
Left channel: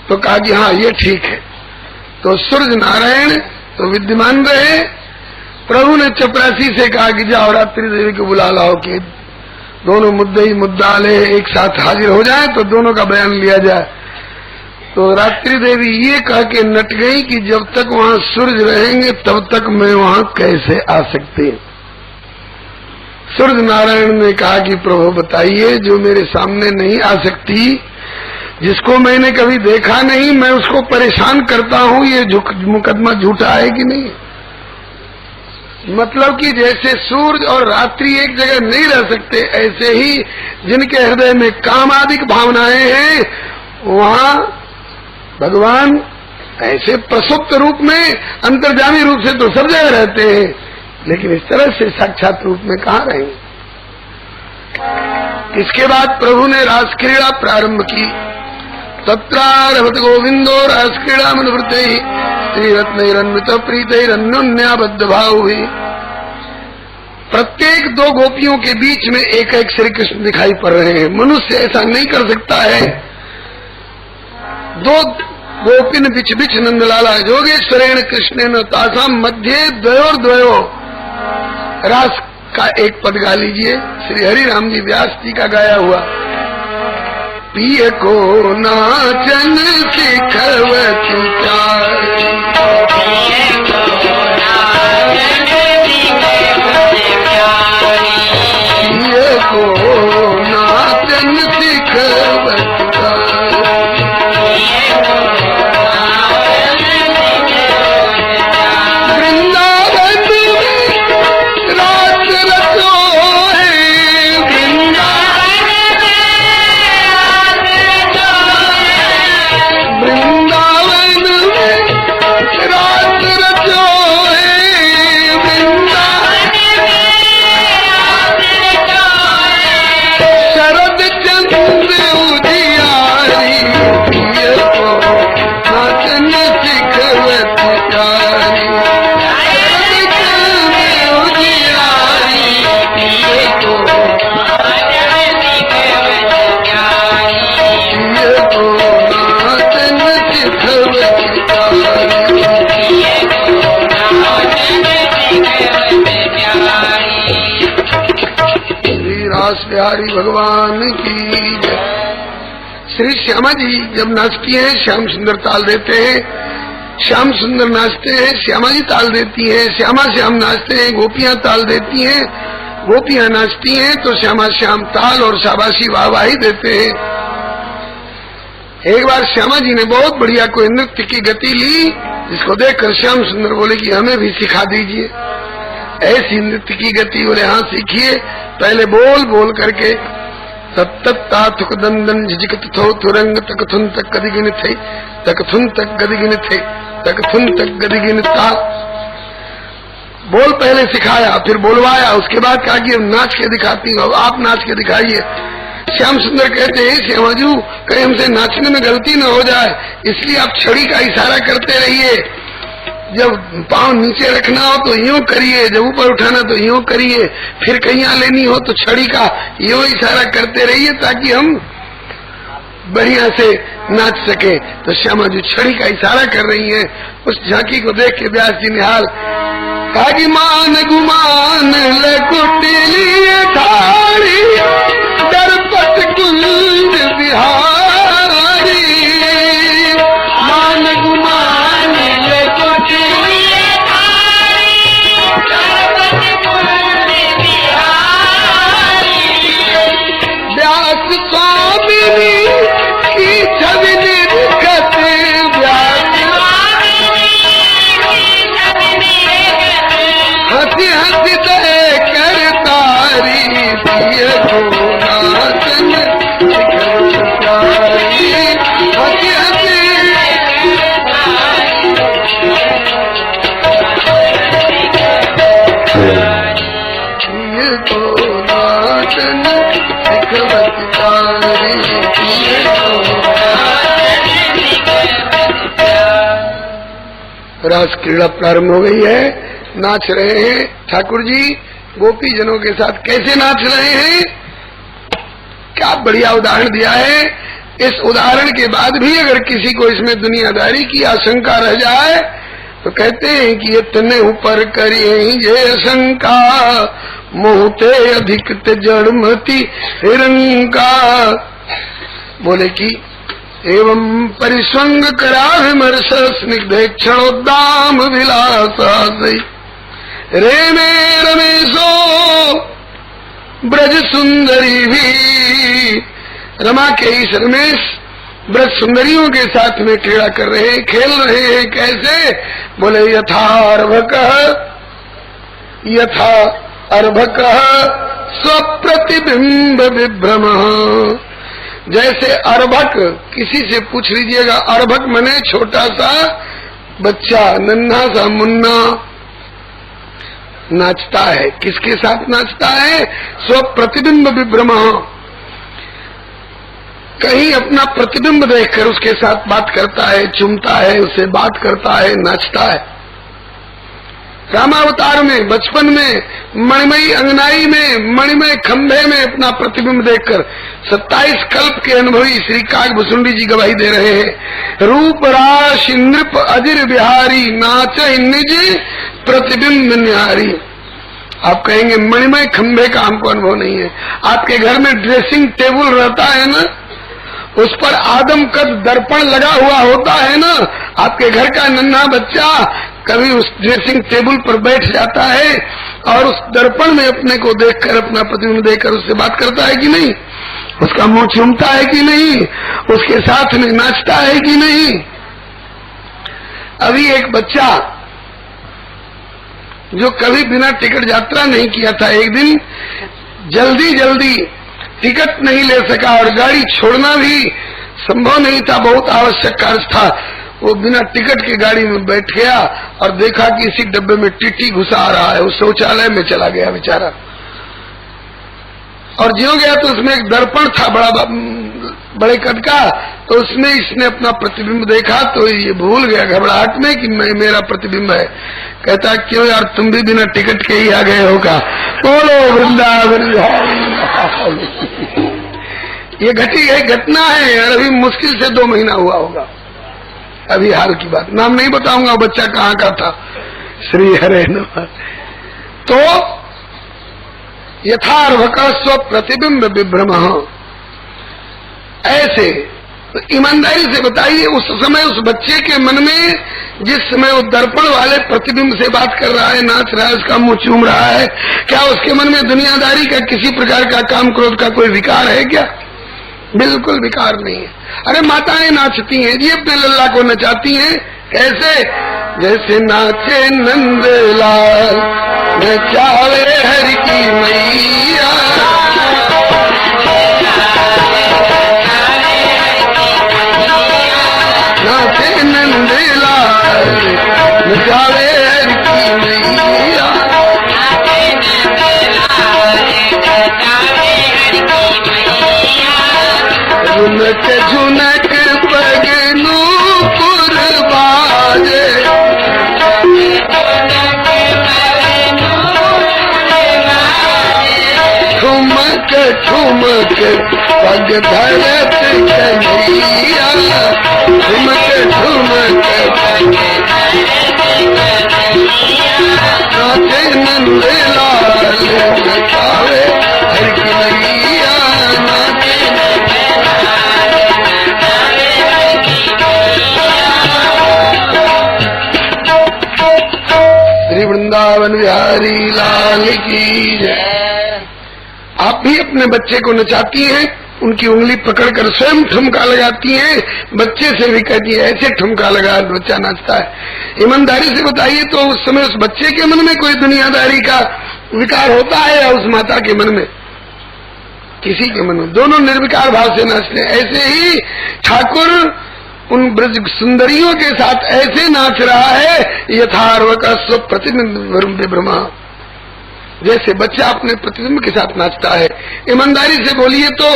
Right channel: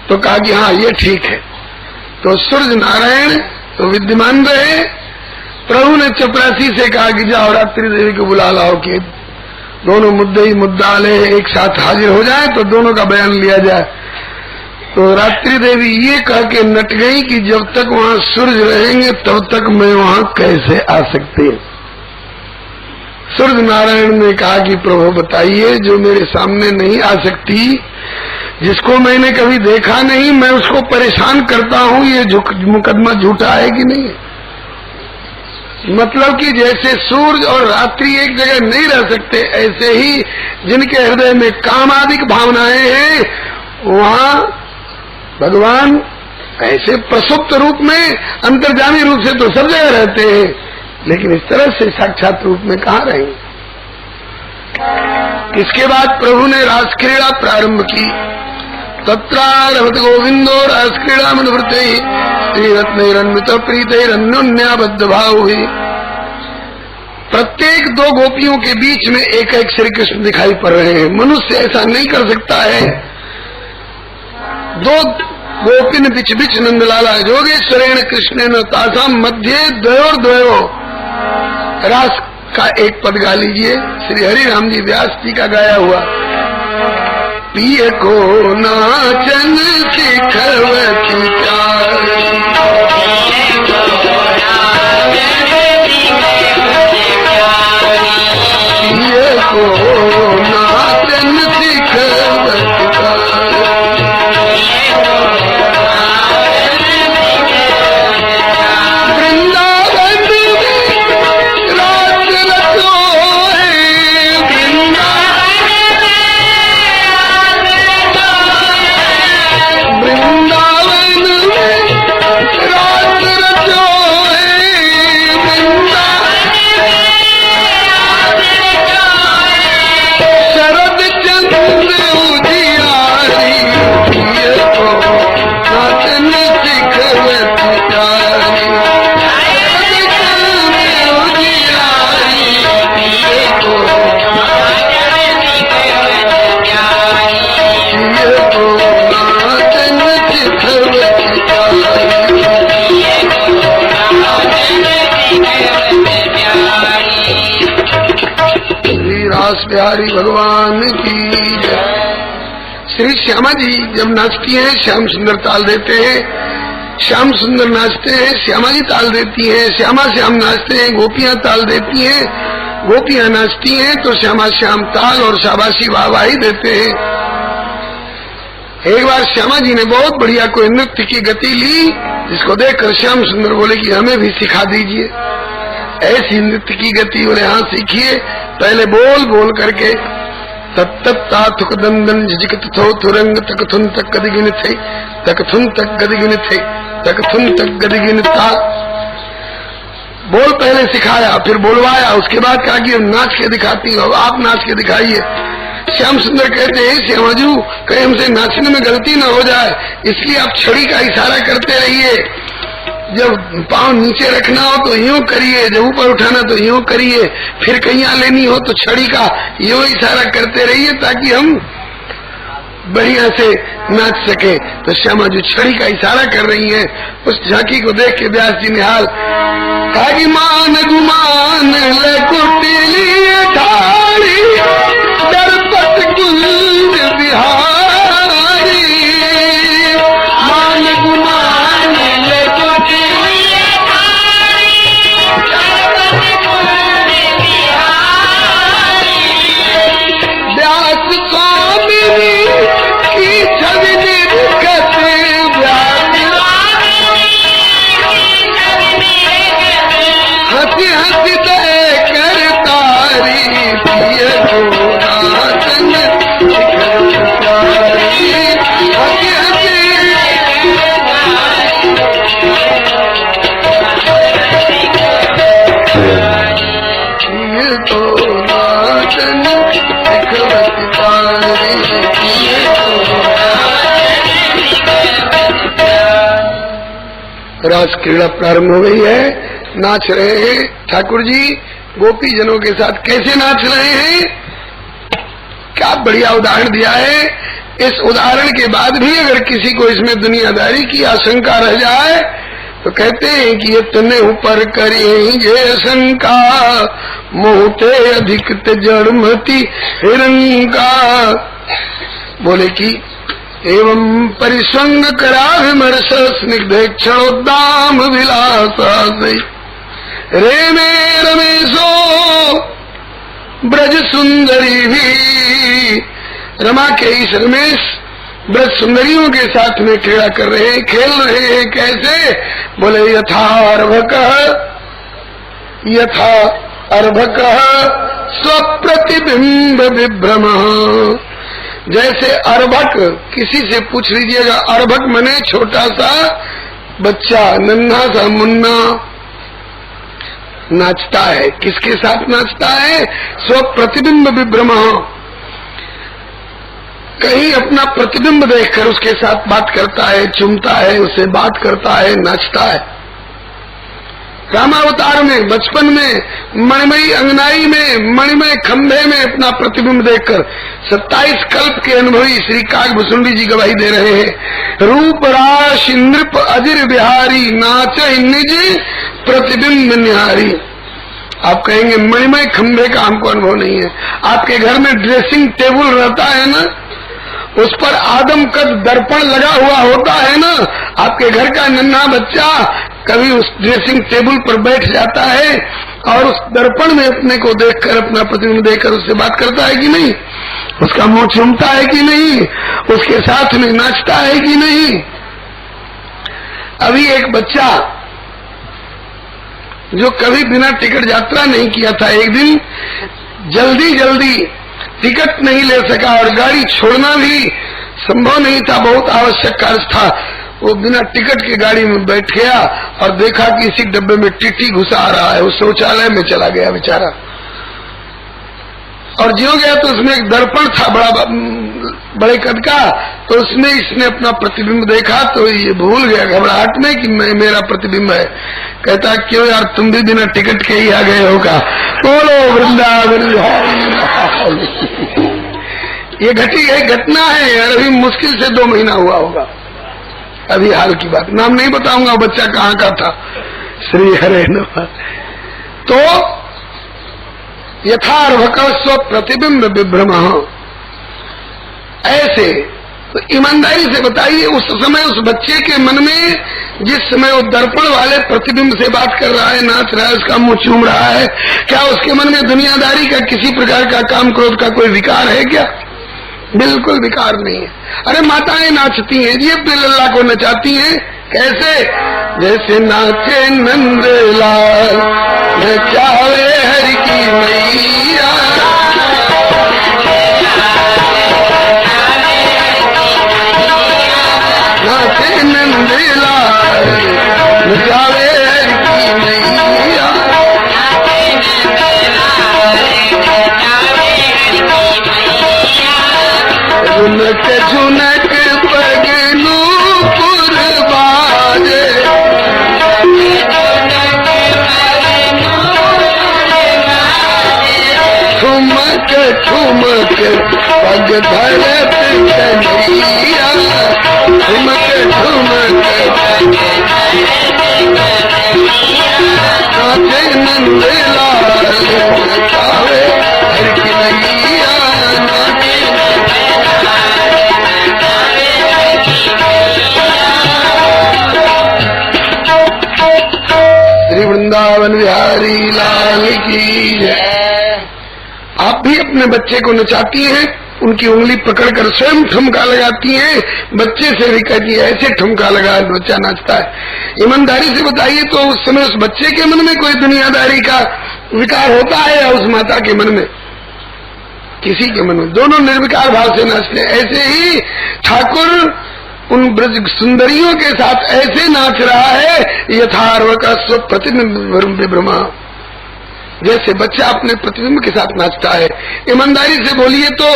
तो कहा कि हाँ ये ठीक है। तो सूरज नारायण तो विद्यमान रहे, प्रभु ने चपरासी से कहा कि जाओ रात्रि देवी को बुला लाओ कि दोनों मुद्दे ही मुद्दा ले एक साथ हाजिर हो जाए तो दोनों का बयान लिया जाए। तो रात्रि देवी ये कह के नट गई कि जब तक वहाँ सूरज रहेंगे तब तक मैं वहाँ कैसे आ सकती हूँ। सूरज नारायण ने कहा कि प्रभु बताइए, जो मेरे सामने नहीं आ सकती, जिसको मैंने कभी देखा नहीं, मैं उसको परेशान करता हूँ, ये मुकदमा झूठा है कि नहीं। मतलब कि जैसे सूरज और रात्रि एक जगह नहीं रह सकते, ऐसे ही जिनके हृदय में कामादिक भावनाएं हैं वहाँ भगवान ऐसे प्रसुप्त रूप में अंतर्जामी रूप से तो सब जगह रहते हैं, लेकिन इस तरह से साक्षात रूप में कहाँ रहेंगे। इसके बाद प्रभु ने रासक्रीड़ा प्रारंभ की। तत्रारभत गोविंदो रासक्रीड़ा मनवृत्ते त्रिरत्नैरन्वित प्रीतैरन्योन्याबद्ध भाव हुई। प्रत्येक दो गोपियों के बीच में एक एक श्री कृष्ण दिखाई पड़ रहे हैं। मनुष्य ऐसा नहीं कर सकता है। दो गोपिन बिच बिच नंदलाला योगेश्वरेण कृष्णेन तासाम मध्य द्वयोर्द्वयो। रास का एक पद गा लीजिए, श्री हरि राम जी व्यास जी का गाया हुआ। पिय को नाचन सिखवती प्यारी, पिय को नाचन सिखवती प्यारी। बिहारी भगवान की जय। श्री श्यामा जी जब नाचती हैं श्याम सुंदर ताल देते हैं, श्याम सुंदर नाचते हैं श्यामा जी ताल देती हैं, श्यामा श्याम नाचते हैं गोपियां ताल देती हैं, गोपियां नाचती हैं तो श्यामा श्याम ताल और शाबाशी वाहवाही देते हैं। एक बार श्यामा जी ने बहुत बढ़िया कोई नृत्य की गति ली, जिसको देखकर श्याम सुंदर बोले कि हमें भी सिखा दीजिए। ऐसी नृत्य की गति उन्हें यहाँ सीखिए। पहले बोल बोल करके तत्ता दंदन झिझकत थो तुरंग तकथुन तक गदिगिन थे, तकथुन तक गदिगिन थे, तकथुन तक गदिगिन था। बोल पहले सिखाया, फिर बोलवाया, उसके बाद कहा कि नाच के दिखाती हो, आप नाच के दिखाइए। श्याम सुंदर कहते हैं श्यामाजू कहीं हमसे नाचने में गलती न हो जाए, इसलिए आप छड़ी का इशारा करते रहिए। जब पांव नीचे रखना हो तो यूं करिए, जब ऊपर उठाना तो यूं करिए, फिर कहीं लेनी हो तो छड़ी का यूं इशारा करते रहिए ताकि हम बढ़िया से नाच सके। तो श्यामा जी छड़ी का इशारा कर रही हैं। उस झांकी को देख के व्यास जी निहाल मान गुमान कुटिलिए थारी दरपत कुंज बिहारी। मान गुमान कुटिलिए थारी रास क्रीड़ा प्रारंभ हो गई है। नाच रहे हैं ठाकुर जी गोपी जनों के साथ। कैसे नाच रहे हैं, क्या बढ़िया उदाहरण दिया है। इस उदाहरण के बाद भी अगर किसी को इसमें दुनियादारी की आशंका रह जाए तो कहते हैं कि ये तने ऊपर करेंगे शंका, मोहते अधिक जड़मती हिरंका। बोले कि एवं परिसंग करा विमर्श स्निग्धे क्षणोद्दाम विलासा रेने रमेशो ब्रज सुंदरी भी। रमा के इस रमेश ब्रज सुंदरियों के साथ में क्रीड़ा कर रहे हैं, खेल रहे हैं। कैसे, बोले यथा अर्भक स्वप्रतिबिंब विभ्रम। जैसे अर्भक, किसी से पूछ लीजिएगा, अर्भक मने छोटा सा बच्चा, नन्हा सा मुन्ना नाचता है। किसके साथ नाचता है, स्वप्रतिबिंब विभ्रम। कहीं अपना प्रतिबिंब देखकर उसके साथ बात करता है, चूमता है, उससे बात करता है, नाचता है। रामावतार में बचपन में मणिमयी अंगनाई में मणिमय खंभे में अपना प्रतिबिंब देखकर 27 कल्प के अनुभवी श्री काकभुसुंडी जी गवाही दे रहे हैं। रूप राश नृप अजिर बिहारी नाच निज प्रतिबिंब निहारी। आप कहेंगे मणिमय खंभे का हमको अनुभव नहीं है। आपके घर में ड्रेसिंग टेबल रहता है ना, उस पर आदम कद दर्पण लगा हुआ होता है ना। आपके घर का नन्हा बच्चा कभी उस ड्रेसिंग टेबल पर बैठ जाता है और उस दर्पण में अपने को देखकर, अपना प्रतिबिंब देखकर उससे बात करता है कि नहीं, उसका मुंह चूमता है कि नहीं, उसके साथ में नाचता है कि नहीं। अभी एक बच्चा जो कभी बिना टिकट यात्रा नहीं किया था, एक दिन जल्दी टिकट नहीं ले सका और गाड़ी छोड़ना भी संभव नहीं था, बहुत आवश्यक कार्य था। वो बिना टिकट की गाड़ी में बैठ गया और देखा कि इसी डब्बे में टीटी घुसा रहा है। वो शौचालय में चला गया बेचारा, और ज्यों गया तो उसमें एक दर्पण था बड़े कद का, तो उसमें इसने अपना प्रतिबिंब देखा तो ये भूल गया घबराहट में कि मेरा प्रतिबिंब है। कहता क्यों यार, तुम भी बिना टिकट के ही आ गए होगा। बोलो वृंदावन। ये घटी गई घटना है यार, अभी मुश्किल से 2 महीना हुआ होगा। अभी हाल की बात, नाम नहीं बताऊंगा बच्चा कहाँ का था। श्री हरे नमः। तो यथार्भक स्व प्रतिबिंब विभ्रम, ऐसे तो ईमानदारी से बताइए उस समय उस बच्चे के मन में जिस समय वो दर्पण वाले प्रतिबिंब से बात कर रहा है, नाच रहा है, उसका मुंह चूम रहा है, क्या उसके मन में दुनियादारी का किसी प्रकार का काम क्रोध का कोई विकार है क्या? बिल्कुल विकार नहीं है। अरे माताएं नाचती हैं जी, अपने लल्ला को नचाती हैं। कैसे? जैसे नाचे नंदलाल नचावे हरि की मैया, नाचे नंदलाल नचावे हरि की मैया। झुनक झुनक पगनू कुर्बाजे, ठुमक ठुमक पग धरत कन्हैया, ठुमक ठुमक नाचे नंदलाल नचावे हरि की मैया, नाचे श्री वृंदावन बिहारी लाल की जय। आप भी अपने बच्चे को नचाती हैं, उनकी उंगली पकड़कर स्वयं ठुमका लगाती हैं, बच्चे से भी कहती है ऐसे ठुमका लगा, बच्चा नाचता है। ईमानदारी से बताइए तो उस समय उस बच्चे के मन में कोई दुनियादारी का विकार होता है या उस माता के मन में? किसी के मन में, दोनों निर्विकार भाव से नाचते हैं। ऐसे ही ठाकुर उन ब्रज सुंदरियों के साथ ऐसे नाच रहा है, यथार्व का स्व प्रतिबिंब विभ्रमा। जैसे बच्चा अपने प्रतिबिंब के साथ नाचता है। ईमानदारी से बोलिए तो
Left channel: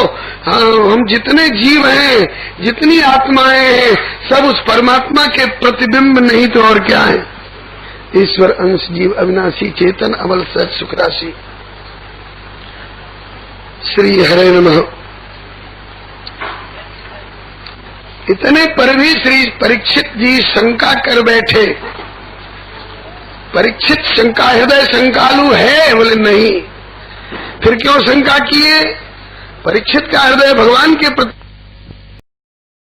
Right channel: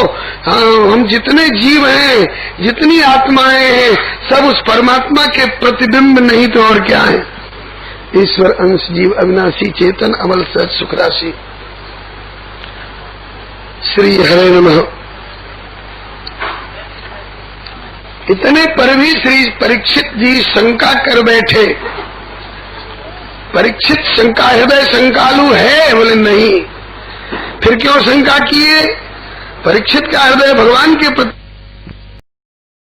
हम जितने जीव हैं, जितनी आत्माएं हैं, सब उस परमात्मा के प्रतिबिंब नहीं तो और क्या है। ईश्वर अंश जीव अविनाशी चेतन अमल सच सुख राशि। श्री हरे नमः। इतने पर भी श्री परीक्षित जी शंका कर बैठे। परीक्षित शंका, हृदय शंकालु है? बोले नहीं। फिर क्यों शंका किए? परीक्षित का हृदय भगवान के प्रति